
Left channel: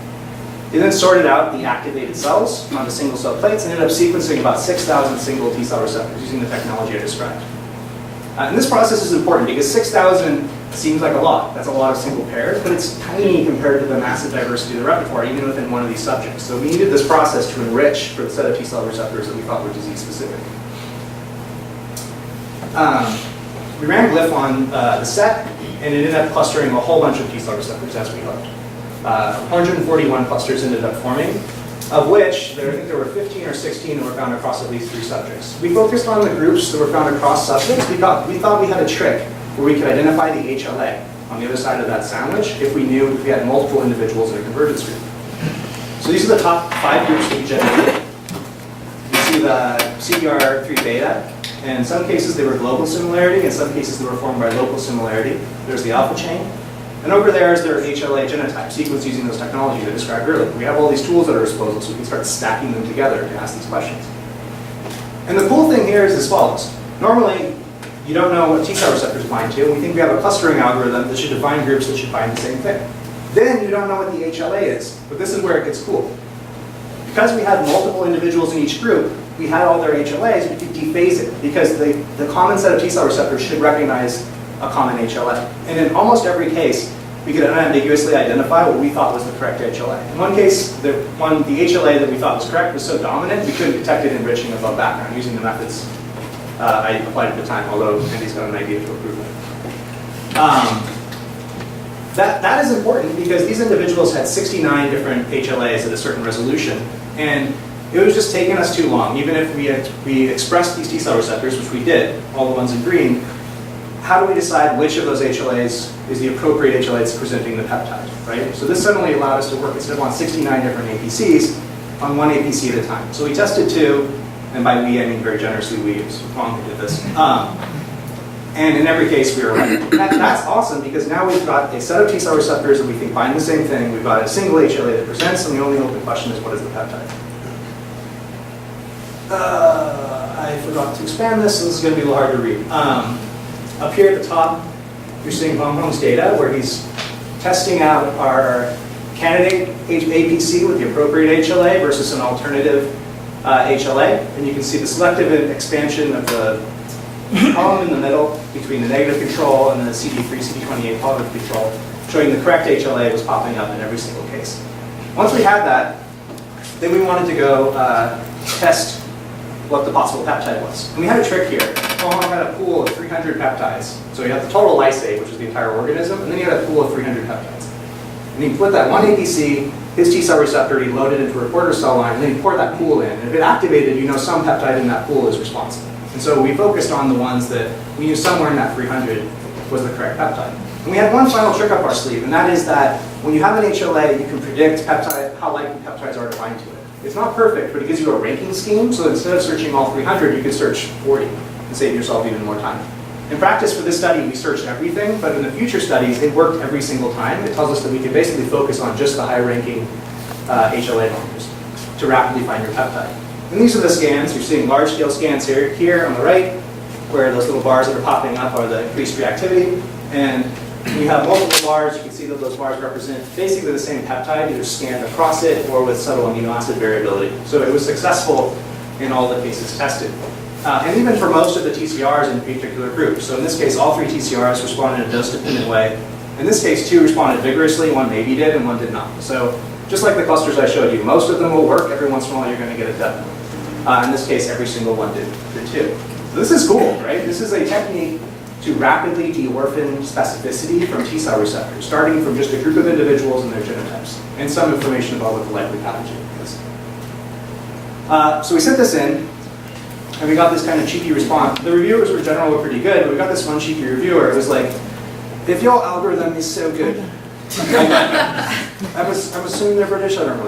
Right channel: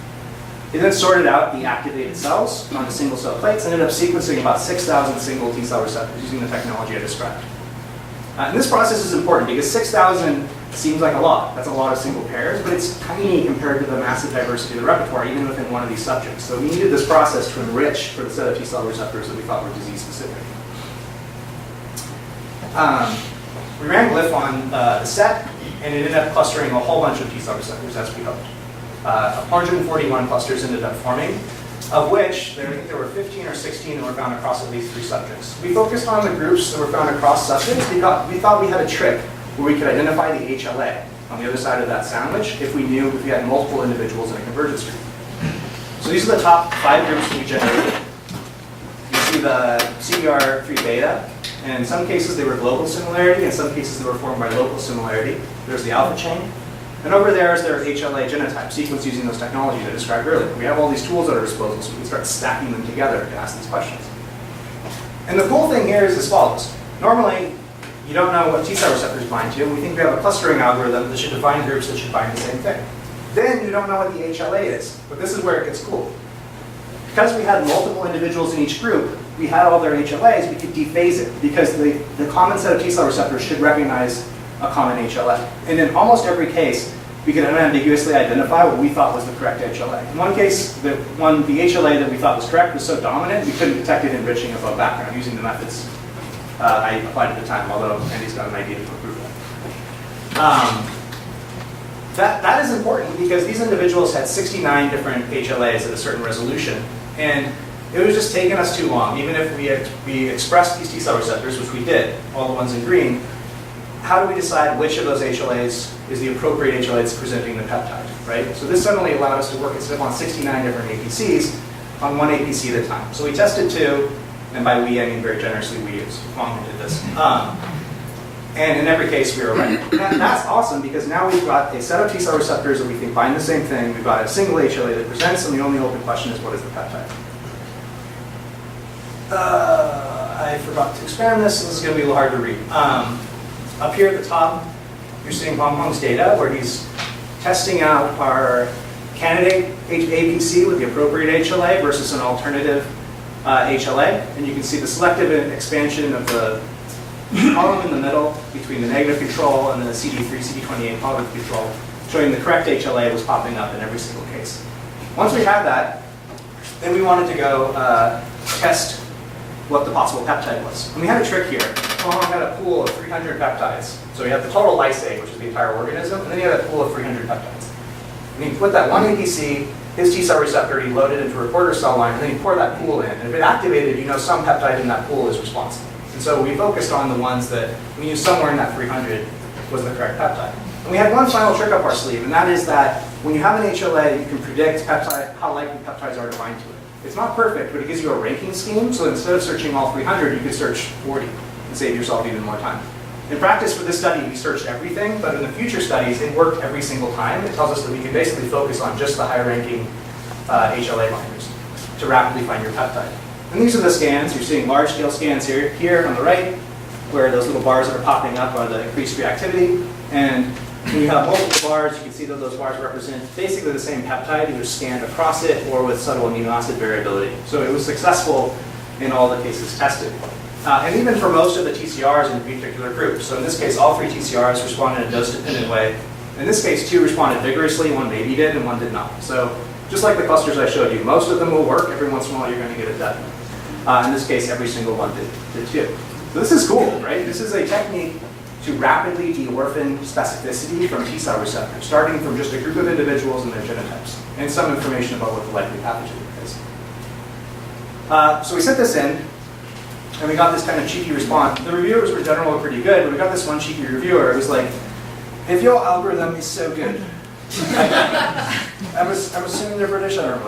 He then sorted out the activated cells onto single-cell plates and ended up sequencing about 6,000 single T-cell receptors using the technology I described. And this process is important because 6,000 seems like a lot. That's a lot of single pairs, but it's tiny compared to the massive diversity of the repertoire, even within one of these subjects. So we needed this process to enrich for the set of T-cell receptors that we thought were disease-specific. We ran Glyph on the set, and it ended up clustering a whole bunch of T-cell receptors, as we hoped. 141 clusters ended up forming, of which I think there were 15 or 16 that were found across at least 3 subjects. We focused on the groups that were found across subjects because we thought we had a trick where we could identify the HLA on the other side of that sandwich if we had multiple individuals in a convergence group. So these are the top 5 groups that we generated. You see the CBR3 beta, and in some cases they were global similarity, in some cases they were formed by local similarity. There's the alpha chain. And over there is their HLA genotype, sequence using those technologies I described earlier. We have all these tools at our disposal, so we can start stacking them together to ask these questions. And the cool thing here is as follows. Normally, you don't know what T-cell receptors bind to. We think we have a clustering algorithm that should define groups that should bind the same thing. Then you don't know what the HLA is, but this is where it gets cool. Because we had multiple individuals in each group, we had all their HLAs, we could dephase it, because the common set of T-cell receptors should recognize a common HLA. And in almost every case, we could unambiguously identify what we thought was the correct HLA. In one case, the HLA that we thought was correct was so dominant, we couldn't detect it enriching above background using the methods I applied at the time, although Andy's got an idea to improve that. That is important because these individuals had 69 different HLAs at a certain resolution, and it was just taking us too long. Even if we expressed these T-cell receptors, which we did, all the ones in green, how do we decide which of those HLAs is the appropriate HLA that's presenting the peptide, right? So this suddenly allowed us to work instead of on 69 different APCs, on one APC at a time. So we tested 2, and by we, I mean very generously we used. Huang did this. And in every case, we were right. That's awesome because now we've got a set of T-cell receptors that we think bind the same thing. We've got a single HLA that presents, and the only open question is what is the peptide? I forgot to expand this, so this is going to be a little hard to read. Up here at the top, you're seeing Hong Kong's data, where he's testing out our candidate APC with the appropriate HLA versus an alternative HLA. And you can see the selective expansion of the column in the middle between the negative control and the CD3, CD28 positive control, showing the correct HLA was popping up in every single case. Once we had that, then we wanted to go test what the possible peptide was. And we had a trick here. Huang had a pool of 300 peptides. So you have the total lysate, which is the entire organism, and then he had a pool of 300 peptides. And he put that one APC, his T cell receptor, he loaded into a reporter cell line, and then he poured that pool in. And if it activated, you know some peptide in that pool is responsible. And so we focused on the ones that we knew somewhere in that 300 was the correct peptide. And we had one final trick up our sleeve, and that is that when you have an HLA, you can predict peptide, how likely peptides are to bind to it. It's not perfect, but it gives you a ranking scheme, so that instead of searching all 300, you can search 40 and save yourself even more time. In practice for this study, we searched everything, but in the future studies, it worked every single time. It tells us that we can basically focus on just the high-ranking HLA binders to rapidly find your peptide. And these are the scans. You're seeing large-scale scans here on the right, where those little bars that are popping up are the increased reactivity. And when you have multiple bars, you can see that those bars represent basically the same peptide, either scanned across it or with subtle amino acid variability. So it was successful in all the cases tested. And even for most of the TCRs in particular groups. So in this case, all 3 TCRs responded in a dose-dependent way. In this case, 2 responded vigorously, 1 maybe did, and 1 did not. So just like the clusters I showed you, most of them will work. Every once in a while, you're going to get a dud. In this case, every single one did too. So this is cool, right? This is a technique to rapidly de-orphan specificity from T cell receptors, starting from just a group of individuals and their genotypes, and some information about what the likely pathogen is. So we sent this in, and we got this kind of cheeky response. The reviewers were generally pretty good, but we got this one cheeky reviewer. It was like, if your algorithm is so good, I'm assuming they're British, I don't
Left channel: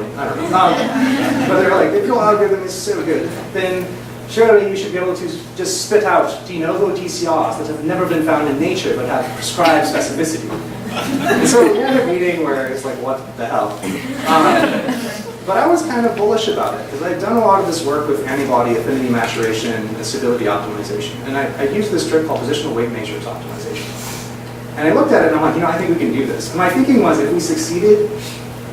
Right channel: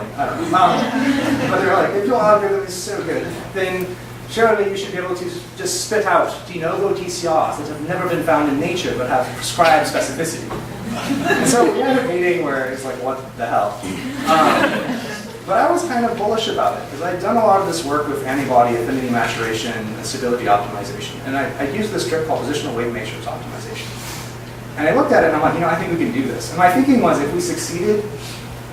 know. But they're like, if your algorithm is so good, then surely you should be able to just spit out de novo TCRs that have never been found in nature but have prescribed specificity. And so we had a meeting where it's like, what the hell? But I was kind of bullish about it because I'd done a lot of this work with antibody affinity maturation and stability optimization. And I used this trick called positional weight matrix optimization. And I looked at it and I'm like, I think we can do this. And my thinking was if we succeeded,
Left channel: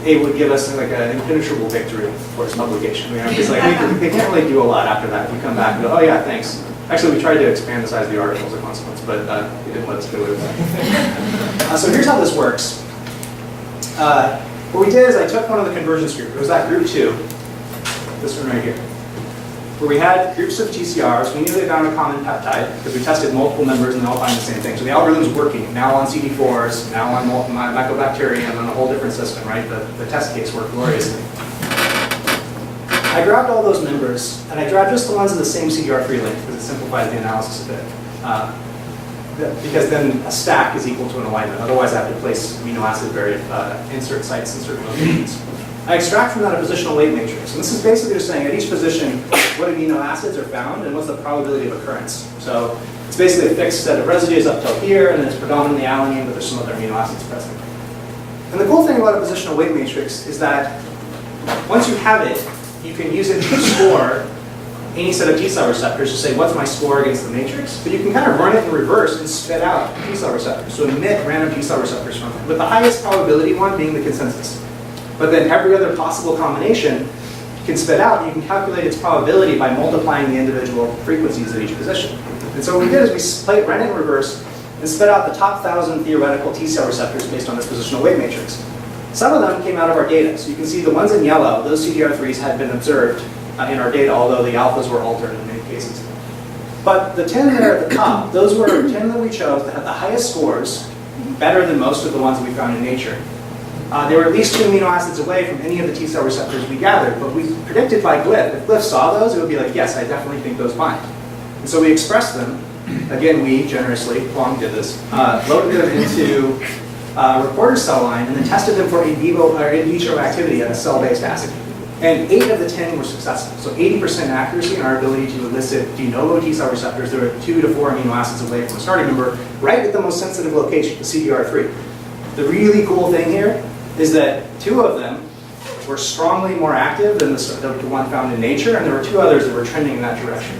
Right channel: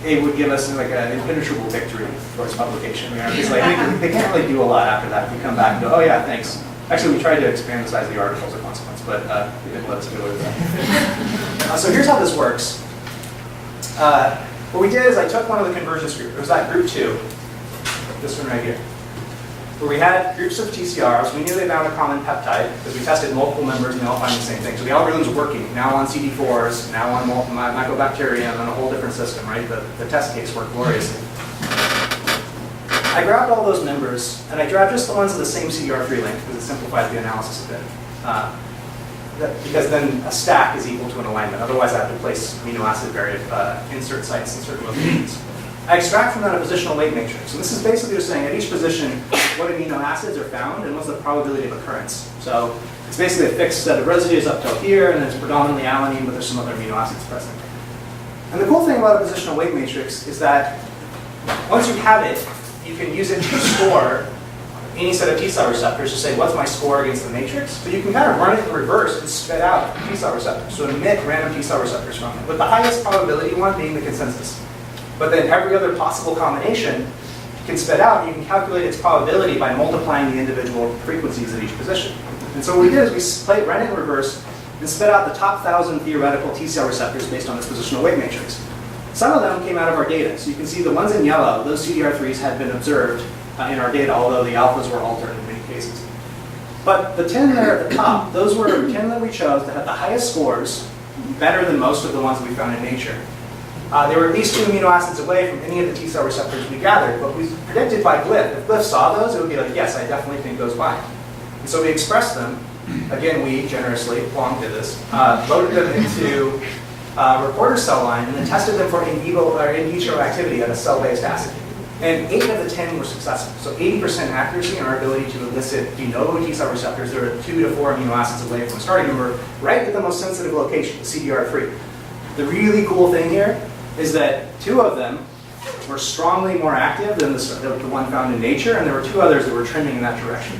it would give us like an impenetrable victory for its publication. It's like they can't really do a lot after that if we come back and go, oh yeah, thanks. Actually, we tried to expand the size of the article as a consequence, but it didn't let us do it. So here's how this works. What we did is I took one of the convergence groups. It was that group 2, this one right here, where we had groups of TCRs. We knew they found a common peptide because we tested multiple members and they all found the same thing. So the algorithm's working, now on CD4s, now on mycobacterium, on a whole different system, right? The test case worked gloriously. I grabbed all those members, and I grabbed just the ones with the same CDR3 link because it simplifies the analysis a bit. Because then a stack is equal to an alignment. Otherwise, I have to place amino acid insert sites in certain locations. I extract from that a positional weight matrix. And this is basically just saying at each position what amino acids are found and what's the probability of occurrence. So it's basically a fixed set of residues up till here, and then it's predominantly alanine, but there's some other amino acids present. And the cool thing about a positional weight matrix is that once you have it, you can use it to score any set of T cell receptors to say, what's my score against the matrix? But you can kind of run it in reverse and spit out T cell receptors. So emit random T cell receptors from it, with the highest probability one being the consensus. But then every other possible combination can spit out. You can calculate its probability by multiplying the individual frequencies at each position. And so what we did is we ran it in reverse and spit out the top 1,000 theoretical T cell receptors based on this positional weight matrix. Some of them came out of our data. So you can see the ones in yellow, those CDR3s had been observed in our data, although the alphas were altered in many cases. But the 10 there at the top, those were 10 that we chose that had the highest scores, better than most of the ones we found in nature. They were at least 2 amino acids away from any of the T cell receptors we gathered, but we predicted by Glyph. If Glyph saw those, it would be like, yes, I definitely think those bind. And so we expressed them. Again, we generously, Huang did this, loaded them into a reporter cell line and then tested them for in vivo or in vitro activity at a cell-based assay. And 8 of the 10 were successful. So 80% accuracy in our ability to elicit de novo T cell receptors that are 2 to 4 amino acids away from the starting member, right at the most sensitive location, the CDR3. The really cool thing here is that 2 of them were strongly more active than the one found in nature, and there were 2 others that were trending in that direction.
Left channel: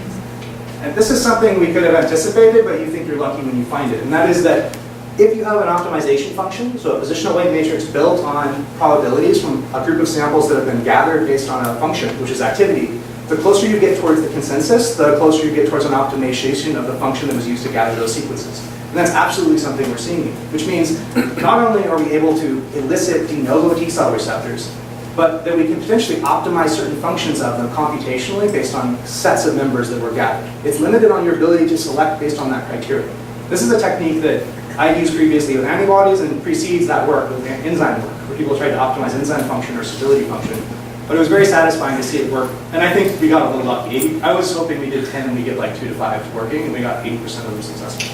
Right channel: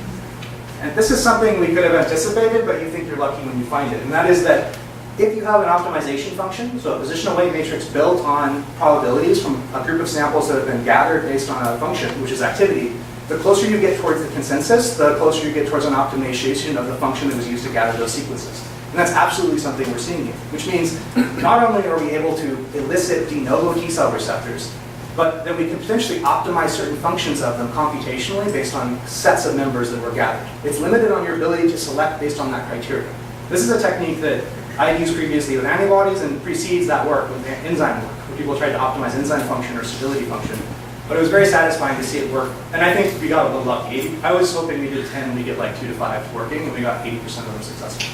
And this is something we could have anticipated, but you think you're lucky when you find it. And that is that if you have an optimization function, so a positional weight matrix built on probabilities from a group of samples that have been gathered based on a function, which is activity, the closer you get towards the consensus, the closer you get towards an optimization of the function that was used to gather those sequences. And that's absolutely something we're seeing here, which means not only are we able to elicit de novo T cell receptors but that we can potentially optimize certain functions of them computationally based on sets of members that were gathered. It's limited on your ability to select based on that criteria. This is a technique that I've used previously with antibodies and precedes that work with enzyme work, where people tried to optimize enzyme function or stability function. But it was very satisfying to see it work. And I think we got a little lucky. I was hoping we did 10 and we get like 2 to 5 working, and we got 80% of them successful.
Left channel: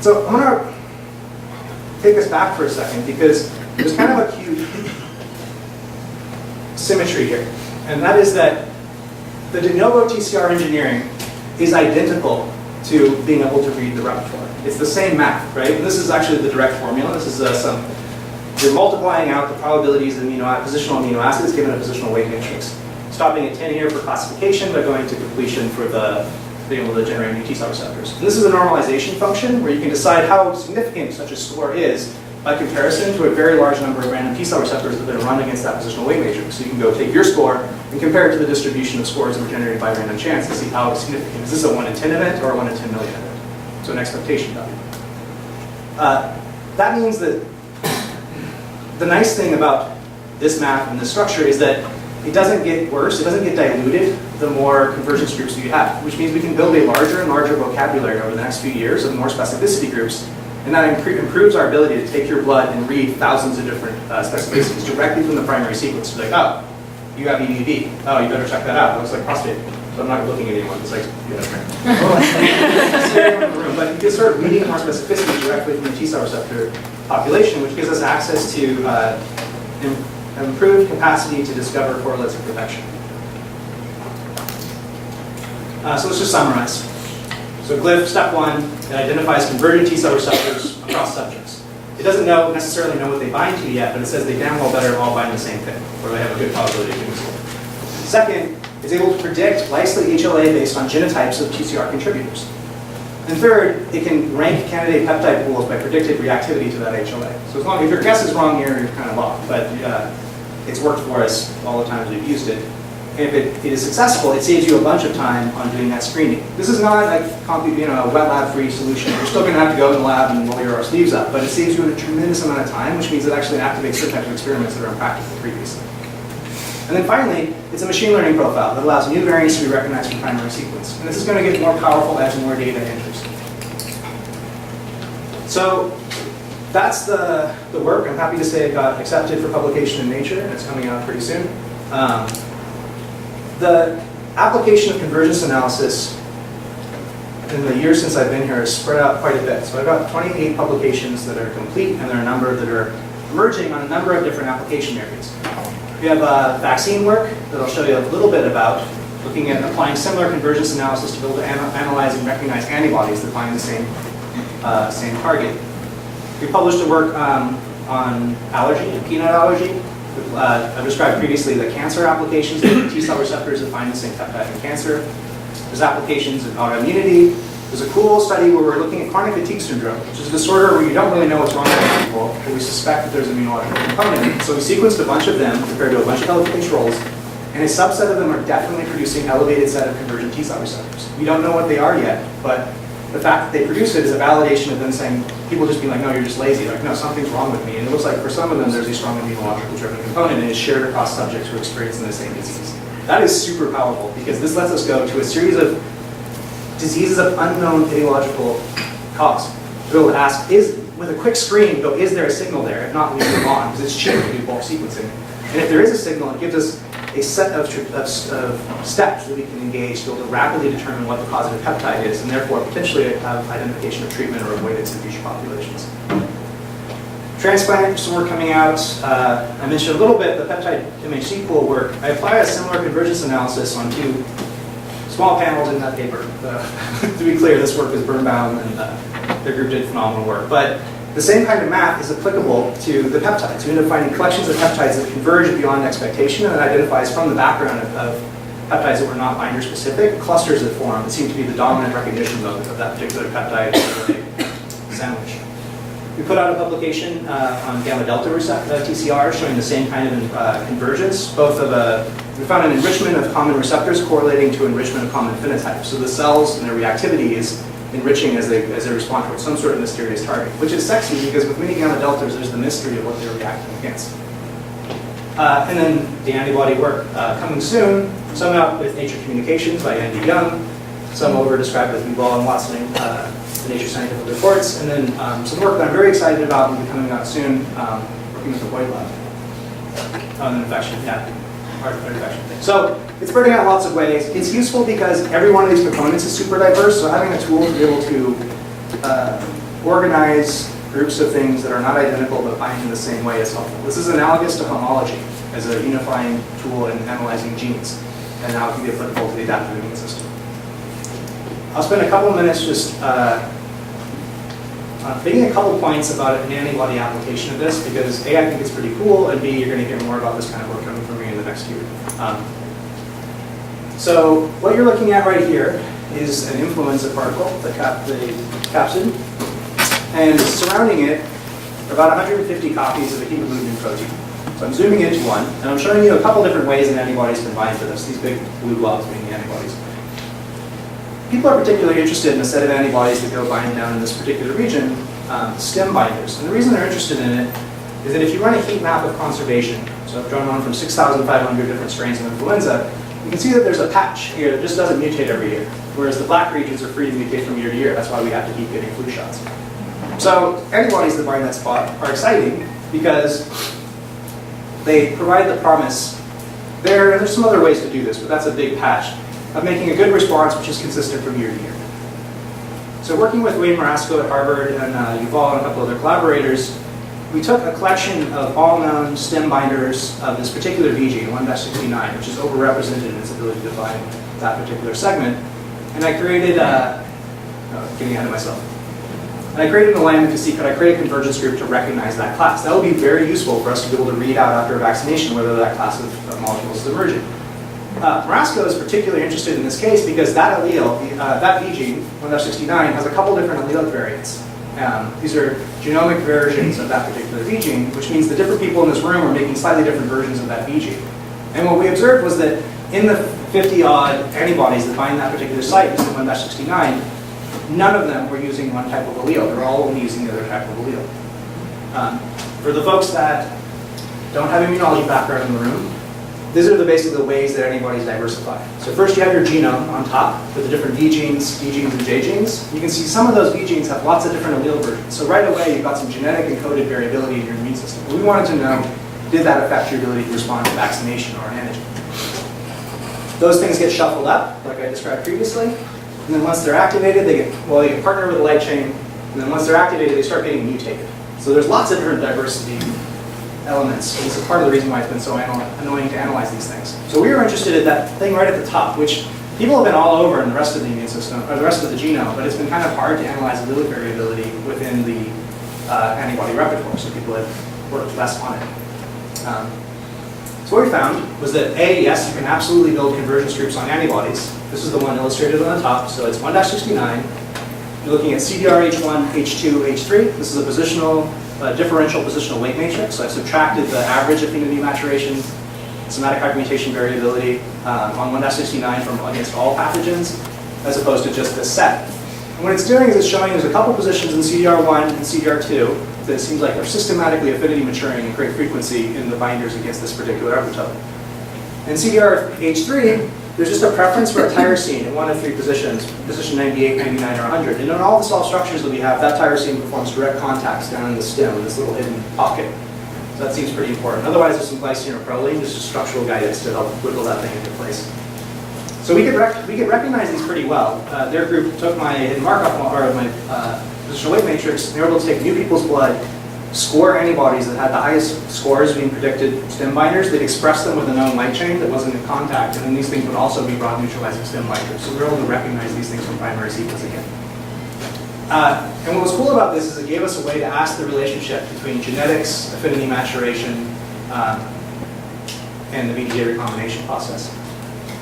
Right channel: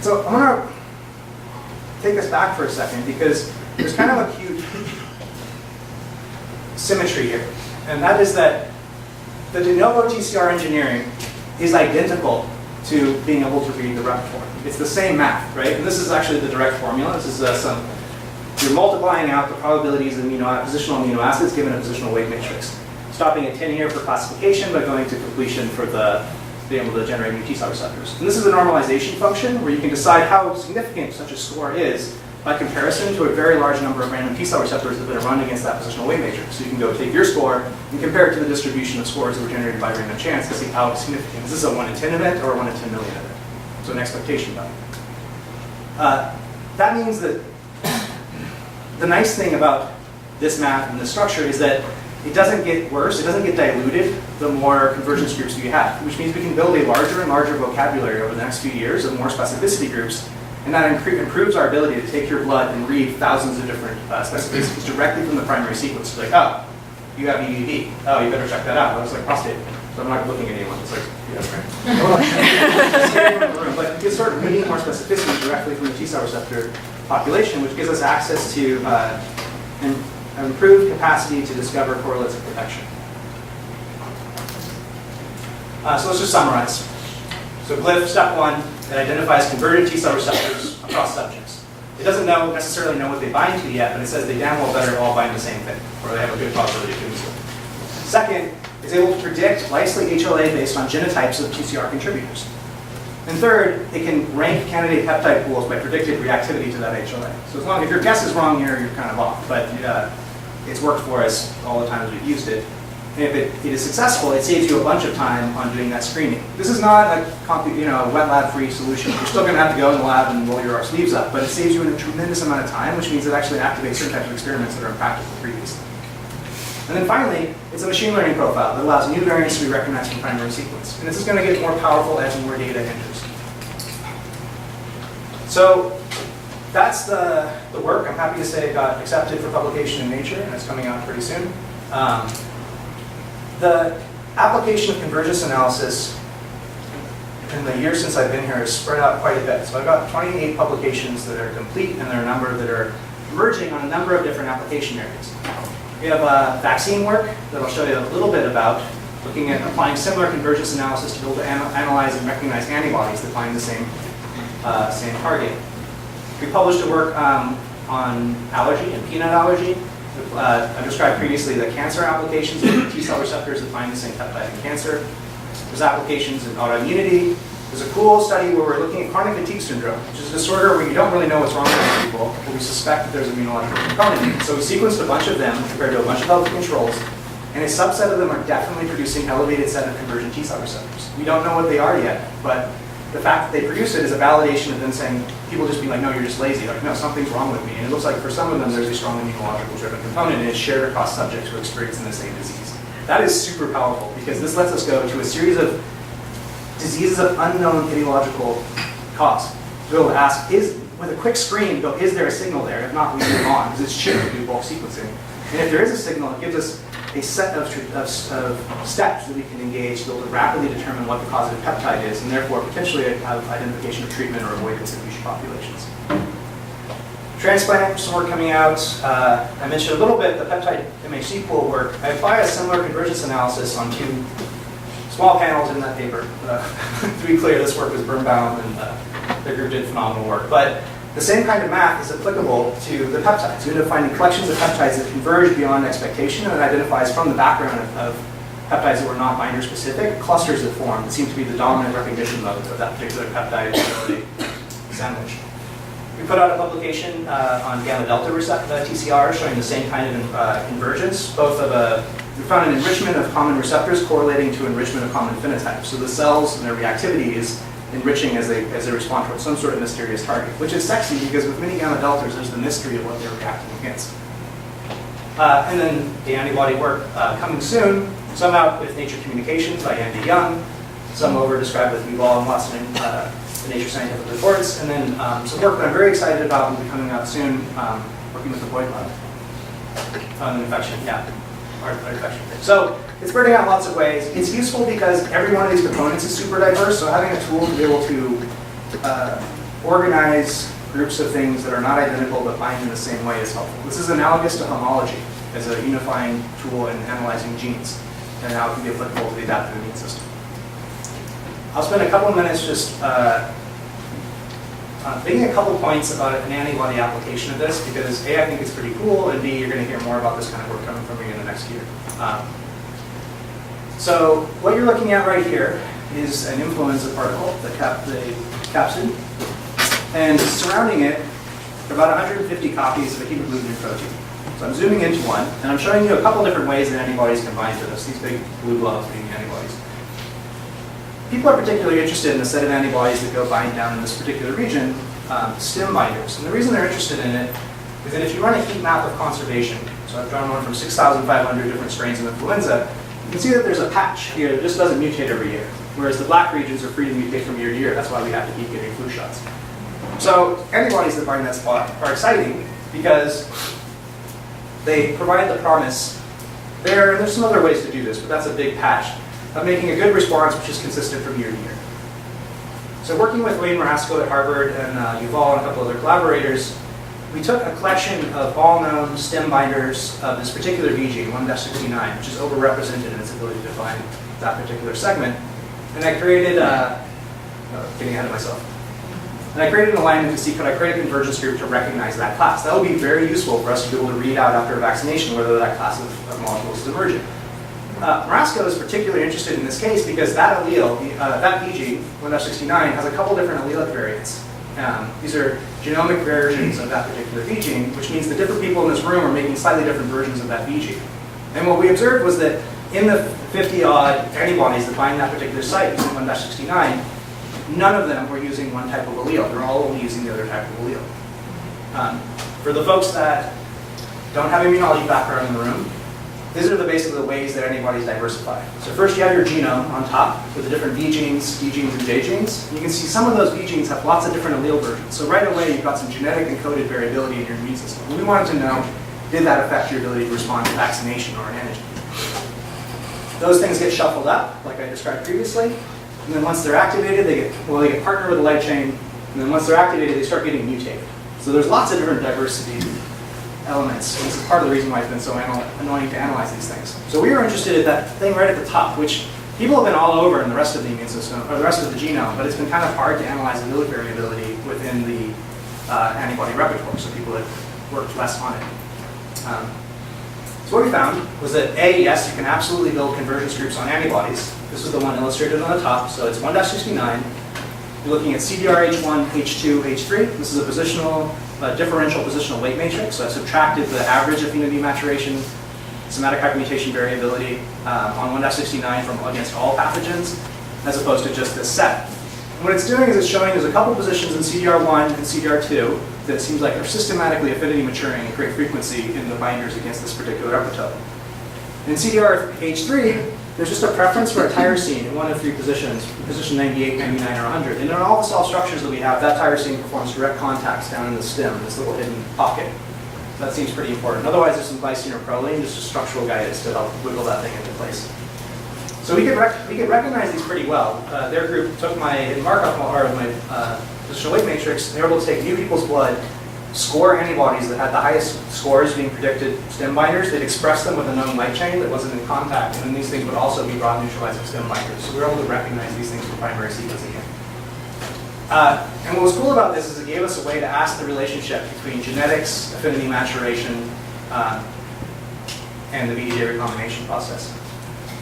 So I'm going to take us back for a second, because there's kind of a cute symmetry here. And that is that the de novo TCR engineering is identical to being able to read the repertoire. It's the same math, right? And this is actually the direct formula. This is you're multiplying out the probabilities of positional amino acids given a positional weight matrix. Stopping at 10 here for classification, but going to completion for being able to generate new T-cell receptors. And this is a normalization function where you can decide how significant such a score is by comparison to a very large number of random T-cell receptors that are run against that positional weight matrix. So you can go take your score and compare it to the distribution of scores that were generated by random chance to see how significant. Is this a 1 in 10 event or a 1 in 10 million event? So an expectation value. That means that the nice thing about this math and this structure is that it doesn't get worse, it doesn't get diluted the more convergence groups that you have, which means we can build a larger and larger vocabulary over the next few years of more specificity groups, and that improves our ability to take your blood and read thousands of different specificities directly from the primary sequence. It's like, oh, you have EDV. Oh, you better check that out. It looks like prostate. So I'm not looking at anyone. It's like, yeah, right. Scare everyone in the room. But you can start reading more specificity directly from the T-cell receptor population, which gives us access to improved capacity to discover correlates of protection. So let's just summarize. So glyph, step 1, it identifies convergent T-cell receptors across subjects. It doesn't necessarily know what they bind to yet, but it says they damn well better all bind the same thing, or they have a good probability of doing so. Second, it's able to predict likely HLA based on genotypes of TCR contributors. And third, it can rank candidate peptide pools by predicted reactivity to that HLA. So as long as your guess is wrong here, you're kind of off. But it's worked for us all the times we've used it. And if it is successful, it saves you a bunch of time on doing that screening. This is not a wet lab-free solution. You're still going to have to go in the lab and roll your sleeves up, but it saves you a tremendous amount of time, which means it actually activates certain types of experiments that are impractical previously. And then finally, it's a machine learning profile that allows new variants to be recognized from primary sequence. And this is going to get more powerful as more data enters. So that's the work. I'm happy to say it got accepted for publication in Nature, and it's coming out pretty soon. The application of convergence analysis in the years since I've been here has spread out quite a bit. So I've got 28 publications that are complete, and there are a number that are emerging on a number of different application areas. We have vaccine work that I'll show you a little bit about, looking at applying similar convergence analysis to be able to analyze and recognize antibodies that bind the same target. We published a work on allergy and peanut allergy. I've described previously the cancer applications of T-cell receptors that bind the same peptide in cancer. There's applications in autoimmunity. There's a cool study where we're looking at chronic fatigue syndrome, which is a disorder where you don't really know what's wrong with people, but we suspect that there's an immunological component. So we sequenced a bunch of them compared to a bunch of healthy controls, and a subset of them are definitely producing elevated set of convergent T-cell receptors. We don't know what they are yet, but the fact that they produce it is a validation of them saying, people just be like, no, you're just lazy. They're like, no, something's wrong with me. And it looks like for some of them, there's a strong immunological driven component, and it's shared across subjects who are experiencing the same disease. That is super powerful, because this lets us go to a series of diseases of unknown etiological cause. We'll ask, with a quick screen, go, is there a signal there? If not, we move on, because it's cheap to do bulk sequencing. And if there is a signal, it gives us a set of steps that we can engage to be able to rapidly determine what the causative peptide is, and therefore potentially have identification of treatment or avoidance in future populations. Transplant, some work coming out. I mentioned a little bit the peptide MHC pool work. I apply a similar convergence analysis on 2 small panels in that paper. To be clear, this work was Birnbaum, and their group did phenomenal work. But the same kind of math is applicable to the peptides. You end up finding collections of peptides that converge beyond expectation, and it identifies from the background of peptides that were not binder specific, clusters that form that seem to be the dominant recognition of that particular peptide sandwich. We put out a publication on gamma delta receptor TCR showing the same kind of convergence, we found an enrichment of common receptors correlating to enrichment of common phenotypes. So the cells and their reactivity is enriching as they respond towards some sort of mysterious target, which is sexy because with many gamma deltas, there's the mystery of what they're reacting against. And then the antibody work coming soon, some out with Nature Communications by Andy Young, some over described with Yuval and Watson in the Nature Scientific Reports, and then some work that I'm very excited about and will be coming out soon, working with the Boyd Lab on an infection, heart infection. So it's spreading out in lots of ways. It's useful because every one of these components is super diverse, so having a tool to be able to organize groups of things that are not identical but bind in the same way is helpful. This is analogous to homology as a unifying tool in analyzing genes, and now it can be applicable to the adaptive immune system. I'll spend a couple of minutes just making a couple points about an antibody application of this, because A, I think it's pretty cool, and B, you're going to hear more about this kind of work coming from me in the next year. So what you're looking at right here is an influenza particle, the capsid, and surrounding it are about 150 copies of a hemagglutinin protein. So I'm zooming into one, and I'm showing you a couple different ways that antibodies can bind to this, these big blue blobs being the antibodies. People are particularly interested in a set of antibodies that go bind down in this particular region, stem binders. And the reason they're interested in it is that if you run a heat map of conservation, so I've drawn one from 6,500 different strains of influenza, you can see that there's a patch here that just doesn't mutate every year, whereas the black regions are free to mutate from year to year. That's why we have to keep getting flu shots. So antibodies that bind that spot are exciting because they provide the promise there, and there's some other ways to do this, but that's a big patch, of making a good response which is consistent from year to year. So working with Wayne Marasco at Harvard and Yuval and a couple other collaborators, we took a collection of all known stem binders of this particular VG, 1-69, which is overrepresented in its ability to bind that particular segment, and I created getting ahead of myself. And I created an alignment to see, could I create a convergence group to recognize that class? That would be very useful for us to be able to read out after a vaccination whether that class of molecules is emerging. Marasco is particularly interested in this case because that allele, that VG, 1-69, has a couple different allelic variants. These are genomic versions of that particular V gene, which means the different people in this room are making slightly different versions of that V gene. And what we observed was that in the 50-odd antibodies that bind that particular site using 1-69, none of them were using one type of allele. They're all only using the other type of allele. For the folks that don't have immunology background in the room, these are basically the ways that antibodies diversify. So first you have your genome on top with the different V genes, D genes, and J genes. You can see some of those V genes have lots of different allele versions. So right away you've got some genetic encoded variability in your immune system. We wanted to know, did that affect your ability to respond to vaccination or an antigen? Those things get shuffled up, like I described previously. And then once they're activated, they get partnered with the light chain. And then once they're activated, they start getting mutated. So there's lots of different diversity elements. And this is part of the reason why it's been so annoying to analyze these things. So we were interested in that thing right at the top, which people have been all over in the rest of the immune system, or the rest of the genome, but it's been kind of hard to analyze allelic variability within the antibody repertoire, so people have worked less on it. So what we found was that A, yes, you can absolutely build convergence groups on antibodies. This is the one illustrated on the top, so it's 1-69. You're looking at CDRH1, H2, H3. This is a differential positional weight matrix. So I subtracted the average affinity maturation, somatic hypermutation variability on 1-69 from against all pathogens, as opposed to just this set. And what it's doing is it's showing there's a couple positions in CDR1 and CDR2 that it seems like are systematically affinity maturing and create frequency in the binders against this particular epitope. In CDRH3, there's just a preference for a tyrosine in one of three positions, position 98, 99, or 100. And in all the small structures that we have, that tyrosine performs direct contacts down in the stem, in this little hidden pocket. So that seems pretty important. Otherwise, there's some glycine or proline, just a structural guidance to help wiggle that thing into place. So we could recognize these pretty well. Their group took my hidden markup part of my positional weight matrix, and they were able to take new people's blood, score antibodies that had the highest scores being predicted stem binders. They'd express them with a known light chain that wasn't in contact, and then these things would also be broad neutralizing stem binders. So we were able to recognize these things from primary sequencing. And what was cool about this is it gave us a way to ask the relationship between genetics, affinity maturation, and the VDJ recombination process.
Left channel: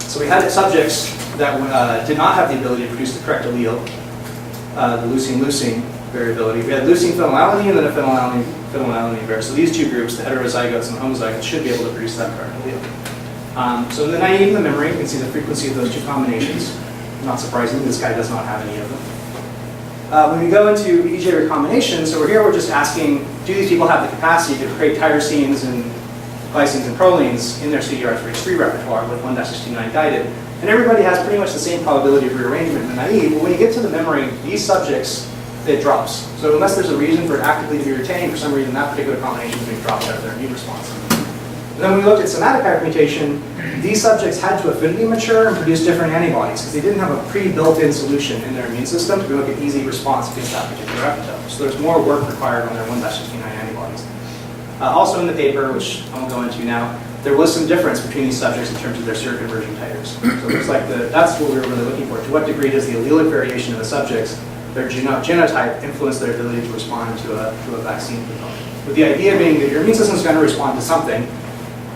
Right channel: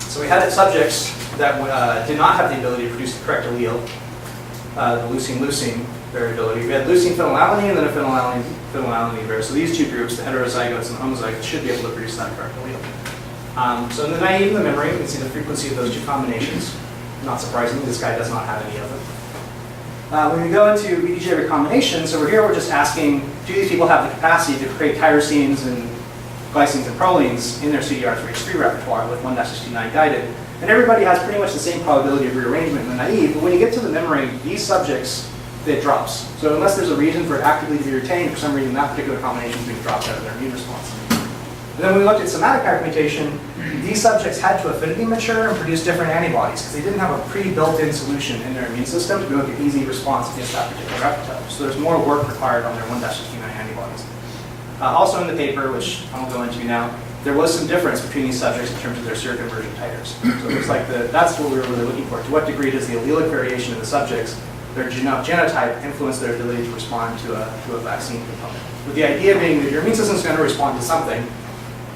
So we had subjects that did not have the ability to produce the correct allele, the leucine-leucine variability. We had leucine phenylalanine and then a phenylalanine variant. So these two groups, the heterozygotes and the homozygotes, should be able to produce that correct allele. So in the naive and the memory, you can see the frequency of those two combinations. Not surprisingly, this guy does not have any of them. When we go into VDJ recombination, so we're just asking, do these people have the capacity to create tyrosines and glycines and prolines in their CDR3H3 repertoire with 1-69 guided. And everybody has pretty much the same probability of rearrangement in the naive, but when you get to the membrane, these subjects, it drops. So unless there's a reason for it actively to be retained, for some reason that particular combination is being dropped out of their immune response. And then when we looked at somatic hypermutation, these subjects had to affinity mature and produce different antibodies because they didn't have a pre-built-in solution in their immune system to be able to get easy response against that particular epitope. So there's more work required on their 1-69 antibodies. Also in the paper, which I'll go into now, there was some difference between these subjects in terms of their seroconversion titers. So it looks like that's what we were really looking for. To what degree does the allelic variation in the subjects, their genotype, influence their ability to respond to a vaccine component? With the idea being that your immune system is going to respond to something,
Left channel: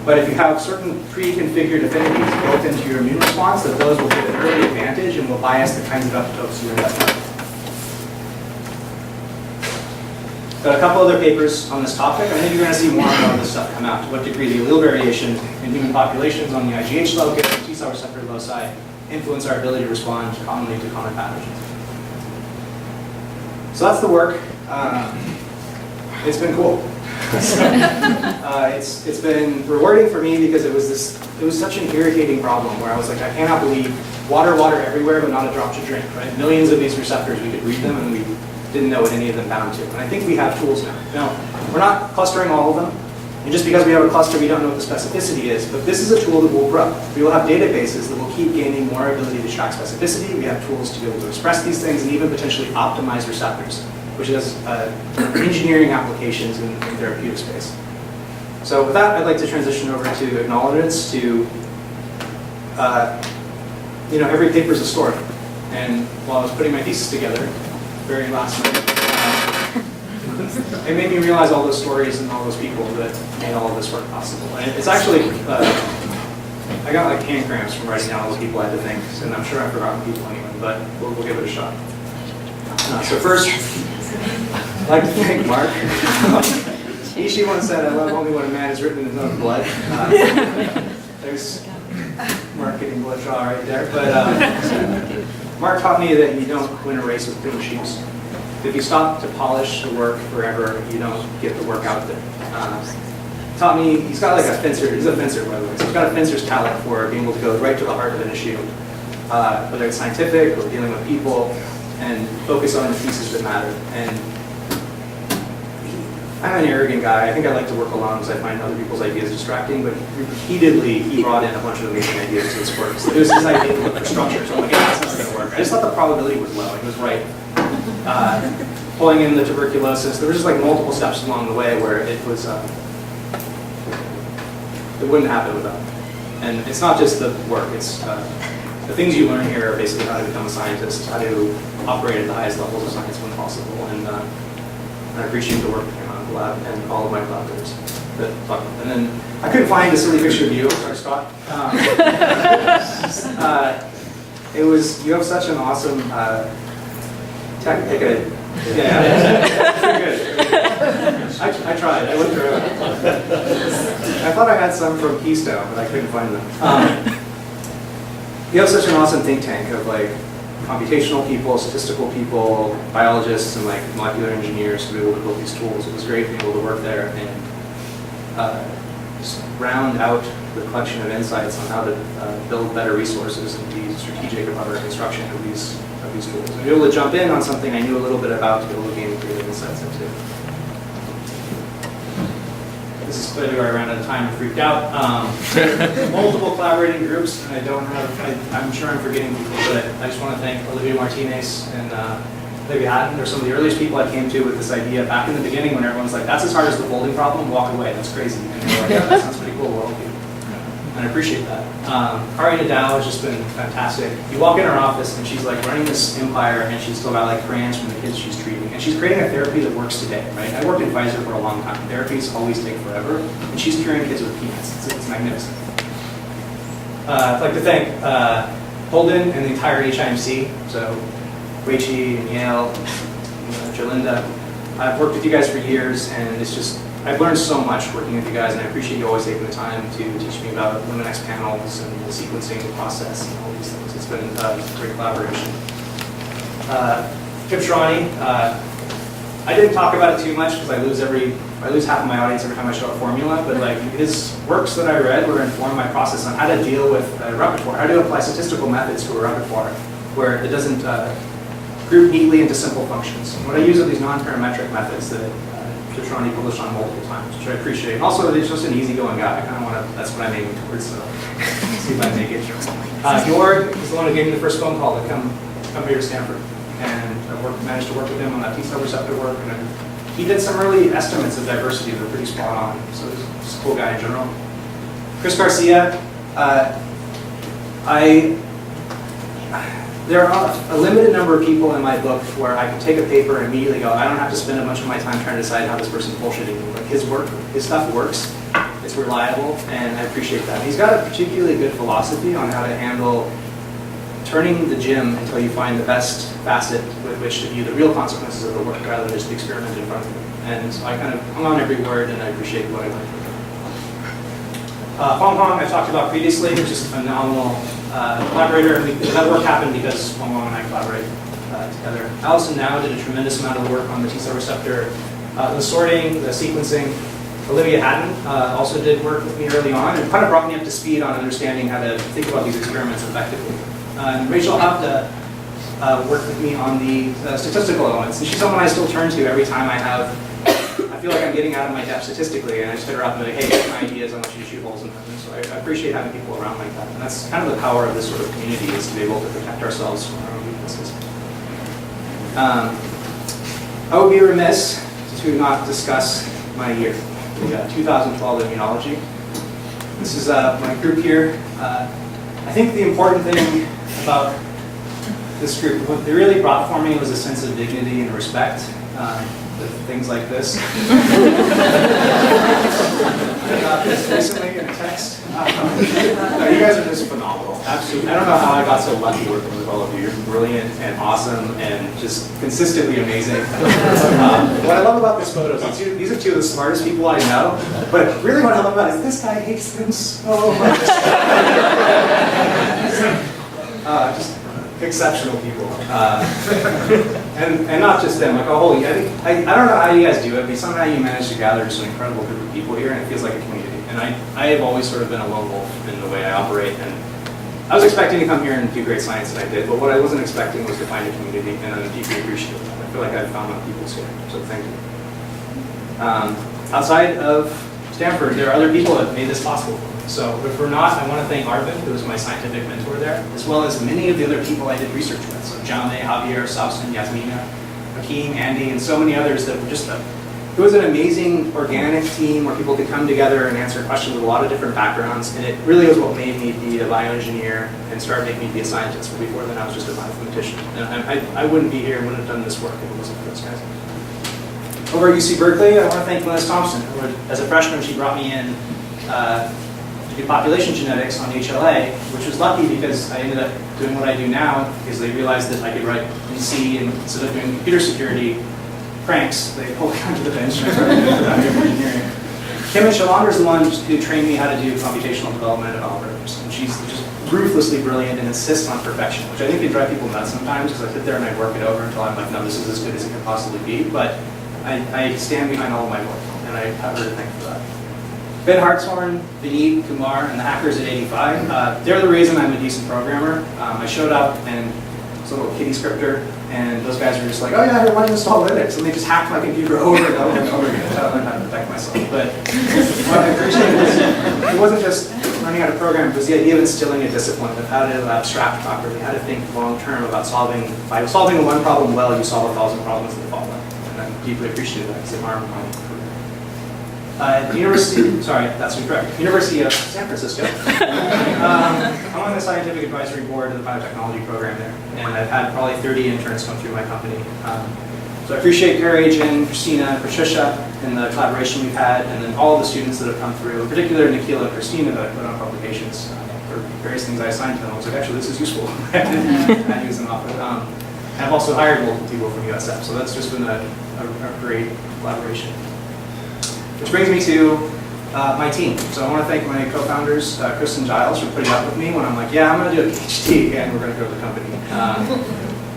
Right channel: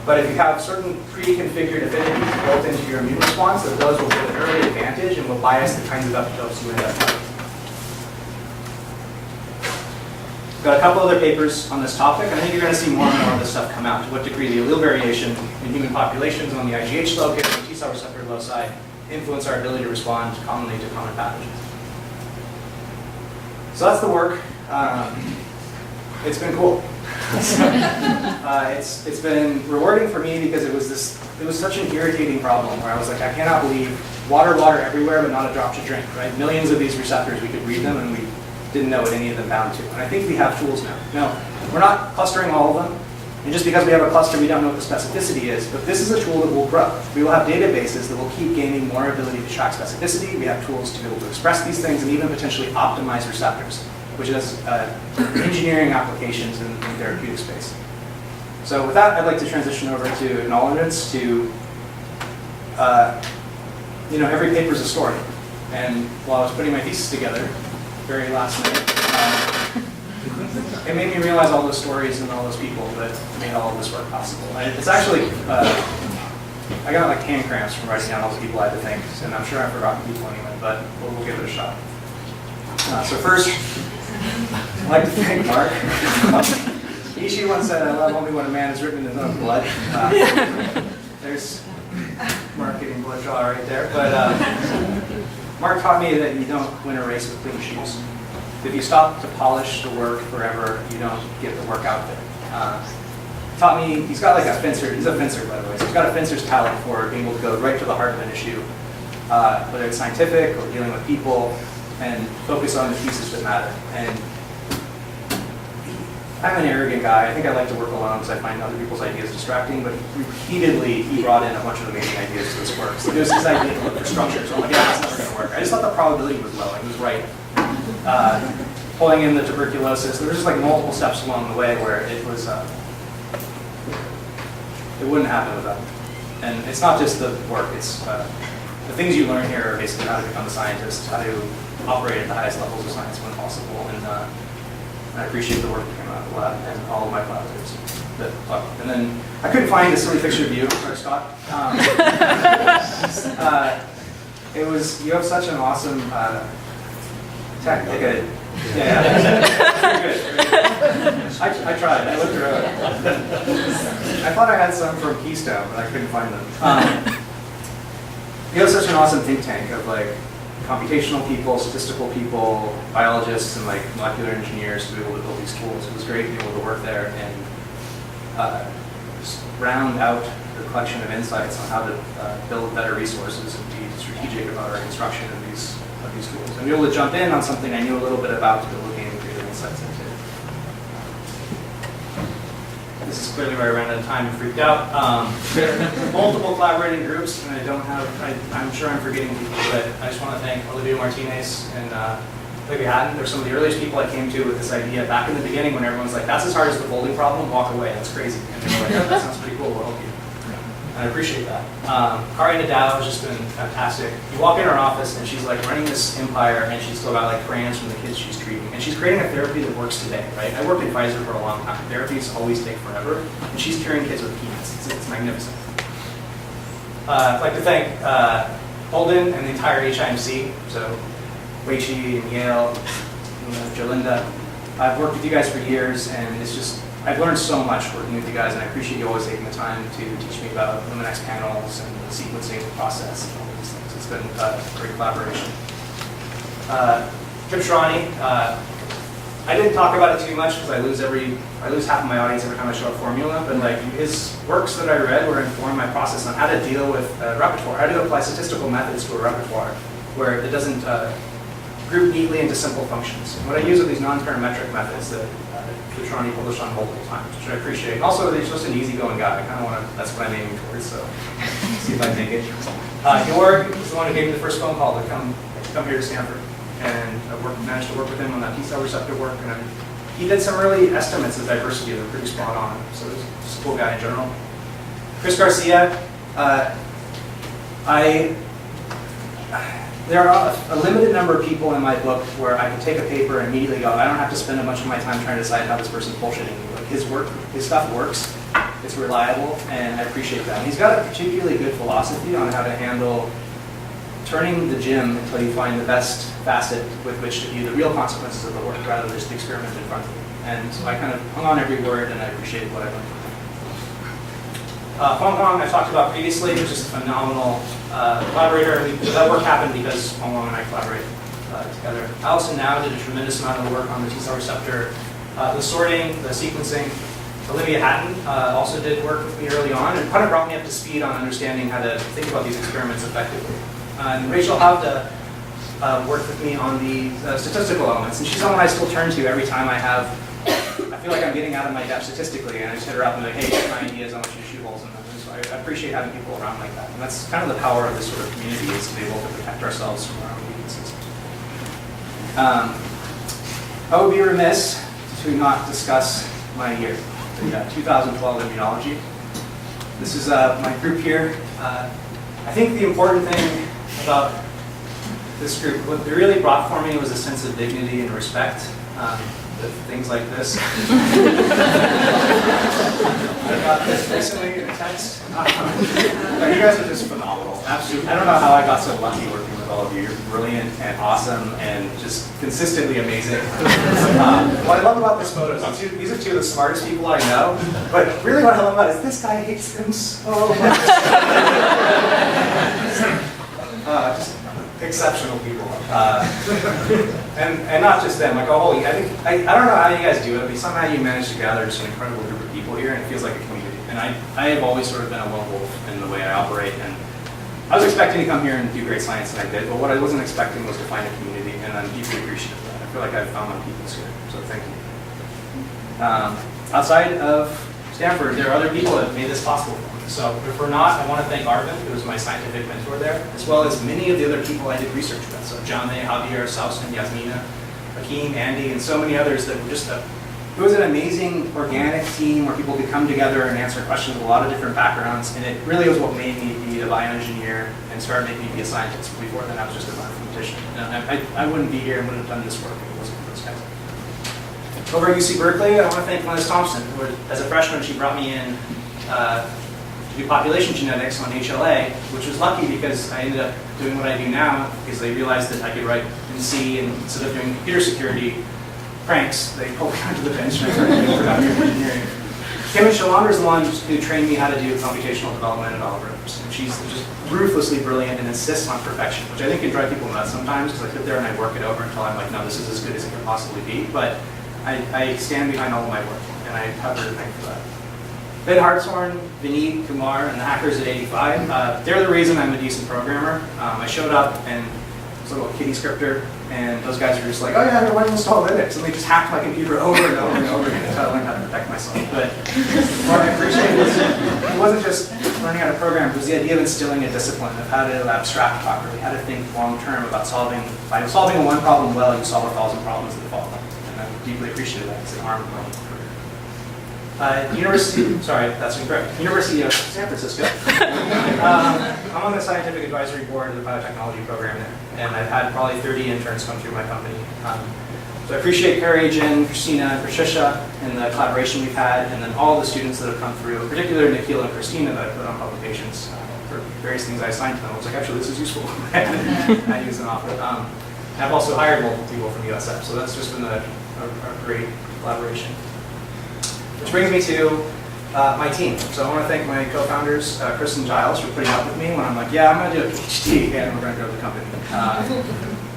but if you have certain pre-configured affinities built into your immune response, that those will get an early advantage and will bias the kinds of epitopes you end up with. Got a couple other papers on this topic, and I think you're going to see more and more of this stuff come out. To what degree the allele variation in human populations on the IgH locus and T-cell receptor loci influence our ability to respond commonly to common pathogens. So that's the work. It's been cool. It's been rewarding for me because it was such an irritating problem where I was like, I cannot believe water everywhere, but not a drop to drink, right? Millions of these receptors, we could read them, and we didn't know what any of them bound to. And I think we have tools now. Now, we're not clustering all of them, and just because we have a cluster, we don't know what the specificity is, but this is a tool that will grow. We will have databases that will keep gaining more ability to track specificity. We have tools to be able to express these things and even potentially optimize receptors, which is engineering applications in therapeutic space. So with that, I'd like to transition over to acknowledgements to, every paper is a story. And while I was putting my thesis together, very last minute, it made me realize all those stories and all those people that made all of this work possible. And it's actually, I got like hand cramps from writing down all those people I had to thank, and I'm sure I've forgotten people anyway, but we'll give it a shot. So first, I'd like to thank Mark. Ishii once said, I love only when a man is written in his own blood. There's Mark getting blood draw right there. But Mark taught me that you don't win a race with clean shoes. If you stop to polish the work forever, you don't get the work out there. Taught me, he's got like a fencer, he's a fencer by the way, so he's got a fencer's talent for being able to go right to the heart of an issue, whether it's scientific or dealing with people, and focus on the pieces that matter. And I'm an arrogant guy. I think I like to work alone because I find other people's ideas distracting, but repeatedly he brought in a bunch of amazing ideas to this work. So it was his idea to look for structure. So I'm like, yeah, that's not going to work. I just thought the probability was low, and he was right. Pulling in the tuberculosis, there were just like multiple steps along the way where it was, it wouldn't happen without me. And it's not just the work, it's the things you learn here are basically how to become a scientist, how to operate at the highest levels of science when possible, and I appreciate the work that came out of the lab and all of my collaborators that talked. And then I couldn't find a silly picture of you, sorry, Scott. It was, you have such an awesome tech, yeah, pretty good. I tried, I looked around. I thought I had some from Keystone, but I couldn't find them. You have such an awesome think tank of like computational people, statistical people, biologists, and like molecular engineers to be able to build these tools. It was great to be able to work there and just round out the collection of insights on how to build better resources and be strategic about our construction of these tools. And be able to jump in on something I knew a little bit about to be able to gain greater insights into. This is clearly where I ran out of time and freaked out. There are multiple collaborating groups, and I'm sure I'm forgetting people, but I just want to thank Olivia Martinez and Olivia Hatton. They're some of the earliest people I came to with this idea back in the beginning when everyone's like, that's as hard as the folding problem, walk away, that's crazy. And we're like, yeah, that sounds pretty cool, we'll help you. And I appreciate that. Kari Nadal has just been fantastic. You walk in her office and she's like running this empire, and she's still got like crayons from the kids she's treating. And she's creating a therapy that works today, right? I worked in Pfizer for a long time. Therapies always take forever, and she's curing kids with peanuts. It's magnificent. I'd like to thank Holden and the entire HIMC, so Weichi and Yale, and Jolinda. I've worked with you guys for years, and it's just, I've learned so much working with you guys, and I appreciate you always taking the time to teach me about Luminex panels and the sequencing process and all these things. It's been a great collaboration. Kip Shrani, I didn't talk about it too much because I lose half of my audience every time I show a formula, but like his works that I read were informed my process on how to deal with a repertoire, how to apply statistical methods to a repertoire where it doesn't group neatly into simple functions. And what I use are these non-parametric methods that Shoshani published on multiple times, which I appreciate. And also, he's just an easygoing guy. I kind of want to, that's what I'm aiming towards, so see if I make it. Jorg is the one who gave me the first phone call to come here to Stanford. And I've managed to work with him on that T-cell receptor work. And he did some early estimates of diversity that were pretty spot on. So he's a cool guy in general. Chris Garcia, there are a limited number of people in my book where I can take a paper and immediately go, I don't have to spend a bunch of my time trying to decide how this person's bullshitting me. Like his stuff works, it's reliable, and I appreciate that. And he's got a particularly good philosophy on how to handle turning the gym until you find the best facet with which to view the real consequences of the work rather than just the experiment in front of you. And so I kind of hung on every word, and I appreciate what I learned from him. Fong Hong I talked about previously, which is a phenomenal collaborator, and that work happened because Fong Hong and I collaborate together. Allison Now did a tremendous amount of work on the T-cell receptor, the sorting, the sequencing. Olivia Hatton also did work with me early on and kind of brought me up to speed on understanding how to think about these experiments effectively. Rachel Havda worked with me on the statistical elements, and she's someone I still turn to every time I feel like I'm getting out of my depth statistically, and I just hit her up and be like, hey, my ideas, I want you to shoot holes in them. And so I appreciate having people around like that. And that's kind of the power of this sort of community, is to be able to protect ourselves from our own weaknesses. I would be remiss to not discuss my year, the 2012 immunology. This is my group here. I think the important thing about this group, what they really brought for me was a sense of dignity and respect. Things like this. I got this recently in a text. You guys are just phenomenal. Absolutely. I don't know how I got so lucky working with all of you. You're brilliant and awesome and just consistently amazing. What I love about this photo is these are two of the smartest people I know. But really what I love about it is this guy hates them so much. Just exceptional people, and not just them. Like a whole, I don't know how you guys do it, but somehow you manage to gather just an incredible group of people here, and it feels like a community. And I have always sort of been a lone wolf in the way I operate, and I was expecting to come here and do great science, and I did. But what I wasn't expecting was to find a community, and I'm deeply appreciative of that. I feel like I've found my peoples here, so thank you. Outside of Stanford, there are other people that made this possible for me. So if we're not, I want to thank Arvind, who was my scientific mentor there, as well as many of the other people I did research with. So Jame, Javier, Sausen, Yasmina, Akeem, Andy, and so many others that were just it was an amazing organic team where people could come together and answer questions with a lot of different backgrounds. And it really was what made me be a bioengineer and start making me be a scientist. Where before then I was just a bioinformatician. And I wouldn't be here and wouldn't have done this work if it wasn't for those guys. Over at UC Berkeley, I want to thank Liz Thompson. As a freshman, she brought me in to do population genetics on HLA, which was lucky because I ended up doing what I do now because they realized that I could write in C, and instead of doing computer security pranks, they pulled me onto the bench and I started doing productive engineering. Kim Shalander is the one who trained me how to do computational development and algorithms, and she's just ruthlessly brilliant and insists on perfection, which I think can drive people nuts sometimes because I sit there and I work it over until I'm like, no, this is as good as it can possibly be, but I stand behind all of my work, and I have her to thank for that. Ben Hartshorn, Vineet, Kumar, and the hackers at 85, they're the reason I'm a decent programmer. I showed up and it was a little kiddie scripter, and those guys were just like, oh yeah, why don't you install Linux? And they just hacked my computer over and over and over again until I learned how to protect myself. But what I appreciate was it wasn't just learning how to program, it was the idea of instilling a discipline of how to abstract properly, how to think long term about by solving one problem well, you solve 1,000 problems that follow. And I'm deeply appreciative of that because they harm my career. University of San Francisco. I'm on the scientific advisory board of the biotechnology program there, and I've had probably 30 interns come through my company. So I appreciate Carrie, Jen, Christina, and Patricia in the collaboration we've had, and then all of the students that have come through, particularly Nikhil and Christina that I put on publications for various things I assigned to them. I was like, actually, this is useful. I use them off of it. I've also hired multiple people from USF, so that's just been a great collaboration. Which brings me to my team. So I want to thank my co-founders, Chris and Giles, for putting up with me when I'm like, yeah, I'm going to do a PhD, and we're going to grow the company.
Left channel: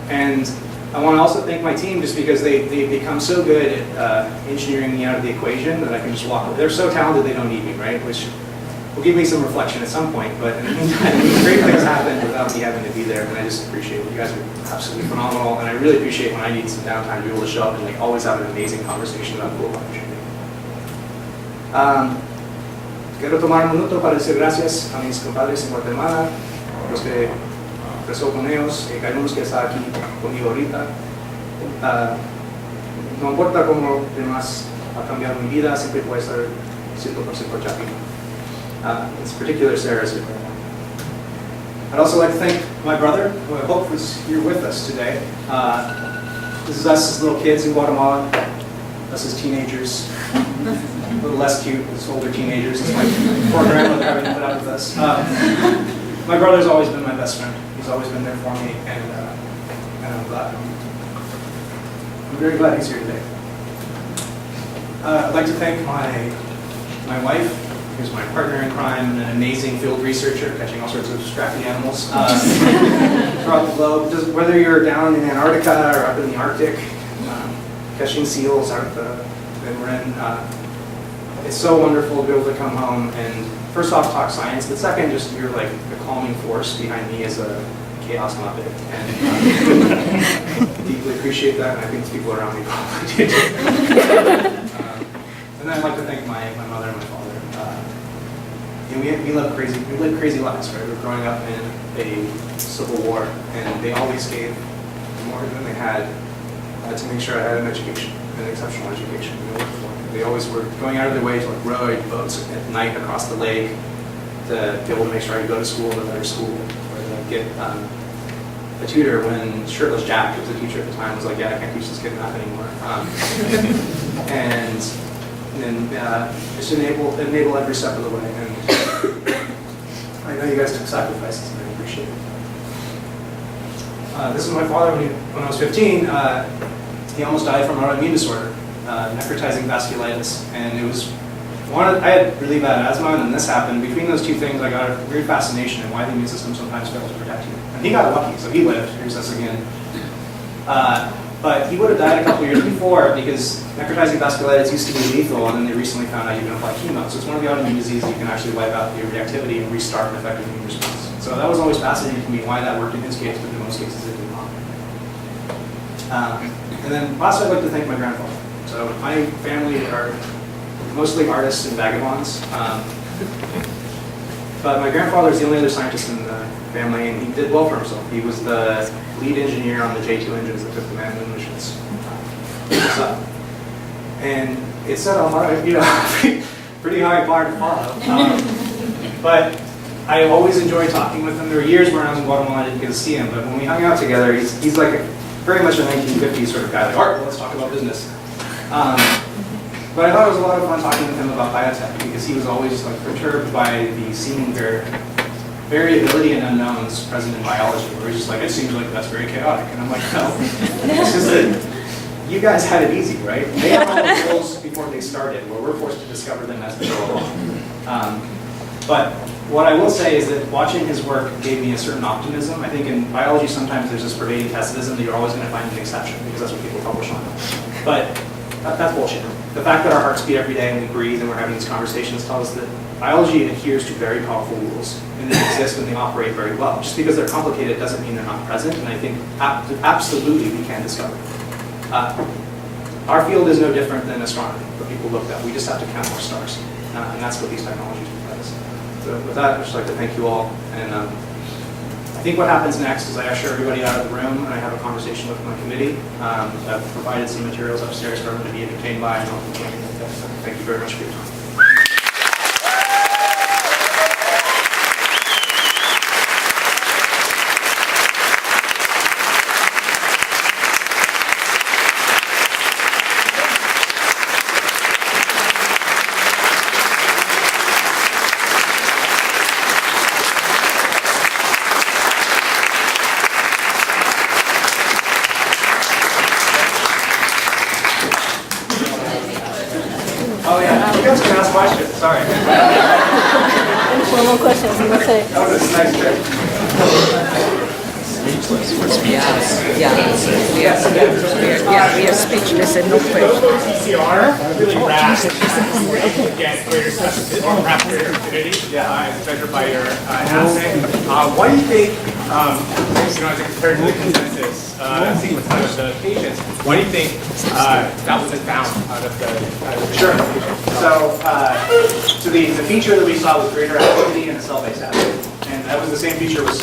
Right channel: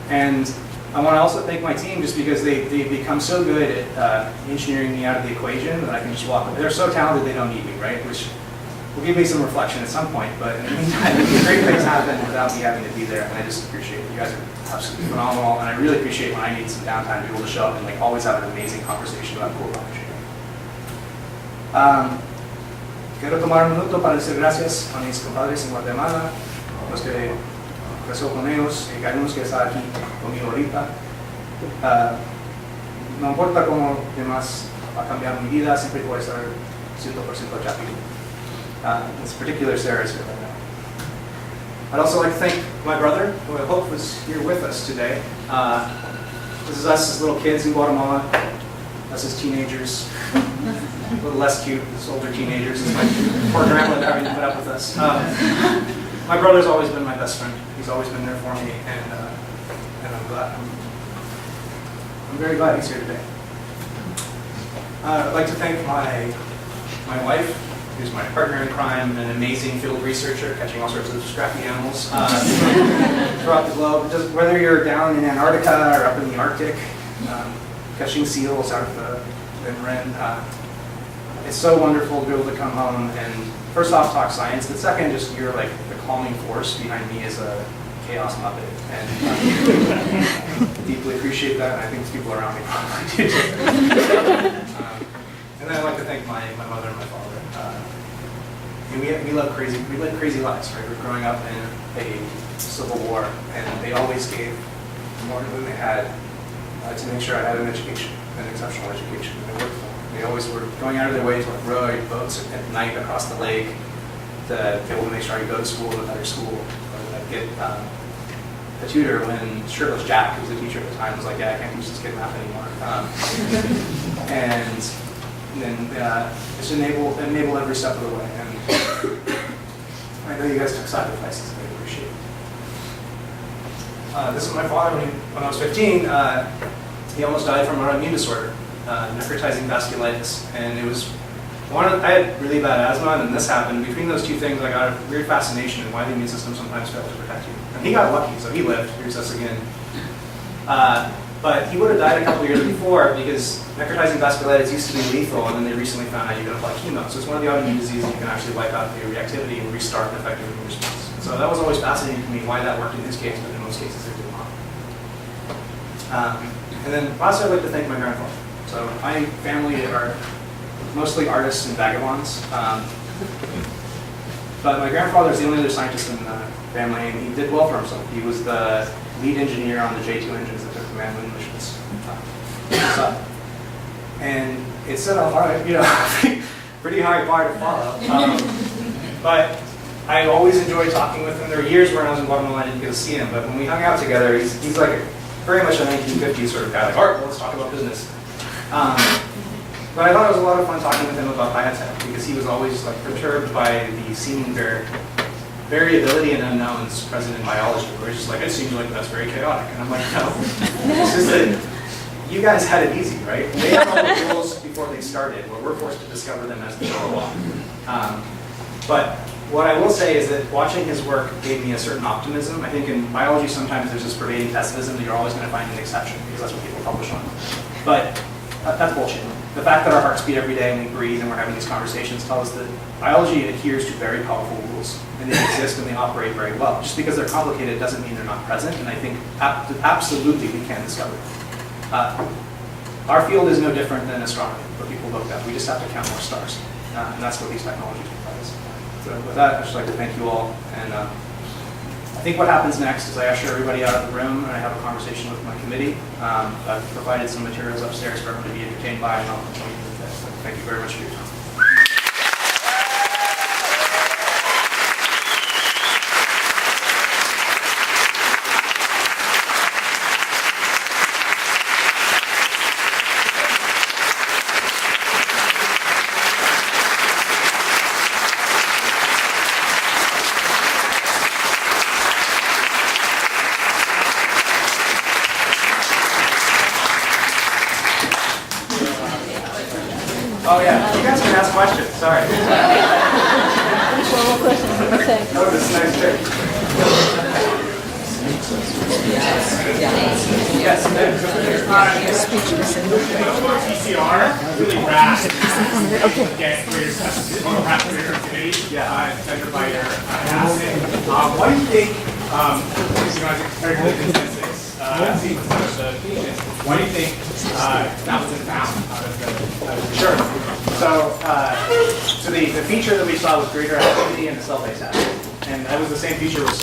And I want to also thank my team just because they've become so good at engineering me out of the equation that I can just walk away. They're so talented they don't need me, right? Which will give me some reflection at some point, but in the meantime, these great things happen without me having to be there, and I just appreciate it. You guys are absolutely phenomenal, and I really appreciate when I need some downtime to be able to show up and like always have an amazing conversation about cool engineering. Quiero tomar un minuto para decir gracias a mis compadres en Guatemala, los que creció con ellos, y algunos que están aquí conmigo ahorita. No importa cómo demás ha cambiado mi vida, siempre puede estar 100% happy. In particular, Sarah's here right now. I'd also like to thank my brother, who I hope was here with us today. This is us as little kids in Guatemala, us as teenagers. A little less cute as older teenagers. It's my poor grandmother having to put up with us. My brother's always been my best friend. He's always been there for me, and I'm glad. I'm very glad he's here today. I'd like to thank my wife, who's my partner in crime and an amazing field researcher, catching all sorts of scrappy animals throughout the globe. Whether you're down in Antarctica or up in the Arctic, catching seals out of the Marin, it's so wonderful to be able to come home and first off talk science, but second, just you're like the calming force behind me as a chaos muppet, and deeply appreciate that, and I think the people around me probably do too. And then I'd like to thank my mother and my father. We live crazy lives, right? We're growing up in a civil war, and they always gave more than they had to make sure I had an education, an exceptional education. They worked for me. They always were going out of their way to like row boats at night across the lake to be able to make sure I could go to school in a better school, or to like, get a tutor when Shirtless Jack, who was a teacher at the time, was like, yeah, I can't teach this kid math anymore. And then just enable every step of the way. And I know you guys took sacrifices, and I appreciate it. This is my father when I was 15. He almost died from an autoimmune disorder, necrotizing vasculitis, and it was I had really bad asthma, and then this happened. Between those two things, I got a weird fascination in why the immune system sometimes fails to protect you. And he got lucky, so he lived. Here's us again. But he would have died a couple years before because necrotizing vasculitis used to be lethal, and then they recently found out you can apply chemo. So it's one of the autoimmune diseases you can actually wipe out the reactivity and restart an effective immune response. So that was always fascinating to me why that worked in his case, but in most cases it did not. And then last, I'd like to thank my grandfather. So my family are mostly artists and vagabonds. But my grandfather is the only other scientist in the family, and he did well for himself. He was the lead engineer on the J2 engines that took the manned moon missions. And it set a hard, pretty high bar to follow. But I always enjoyed talking with him. There were years when I was in Guatemala I didn't get to see him, but when we hung out together, he's like very much a 1950s sort of guy. Like, all right, well, let's talk about business. But I thought it was a lot of fun talking with him about biotech because he was always like perturbed by the seeming variability and unknowns present in biology. Where he's just like, it seems like that's very chaotic, and I'm like, no, it's just that you guys had it easy, right? They had all the tools before they started, where we're forced to discover them as we go along. But what I will say is that watching his work gave me a certain optimism. I think in biology sometimes there's this pervading pessimism that you're always going to find an exception because that's what people publish on. But that's bullshit. The fact that our hearts beat every day and we breathe and we're having these conversations tells us that biology adheres to very powerful rules and they exist and they operate very well. Just because they're complicated doesn't mean they're not present, and I think absolutely we can discover them. Our field is no different than astronomy, where people look up. We just have to count more stars, and that's what these technologies provide us. So with that, I'd just like to thank you all. And I think what happens next is I usher everybody out of the room, and I have a conversation with my committee. I've provided some materials upstairs for everyone to be entertained by, and I'll continue with this. So thank you very much for your time. Oh yeah, you guys can ask questions. Sorry. That was a nice trick. Speechless for speechless. Yes. Go TCR, really rash, get greater specificity, perhaps greater affinity, measured by your assay. What do you think, as it compared to the consensus, the patients, what do you think that was found out of the Sure. So the feature that we saw was greater activity in the cell-based assay. And that was the same feature with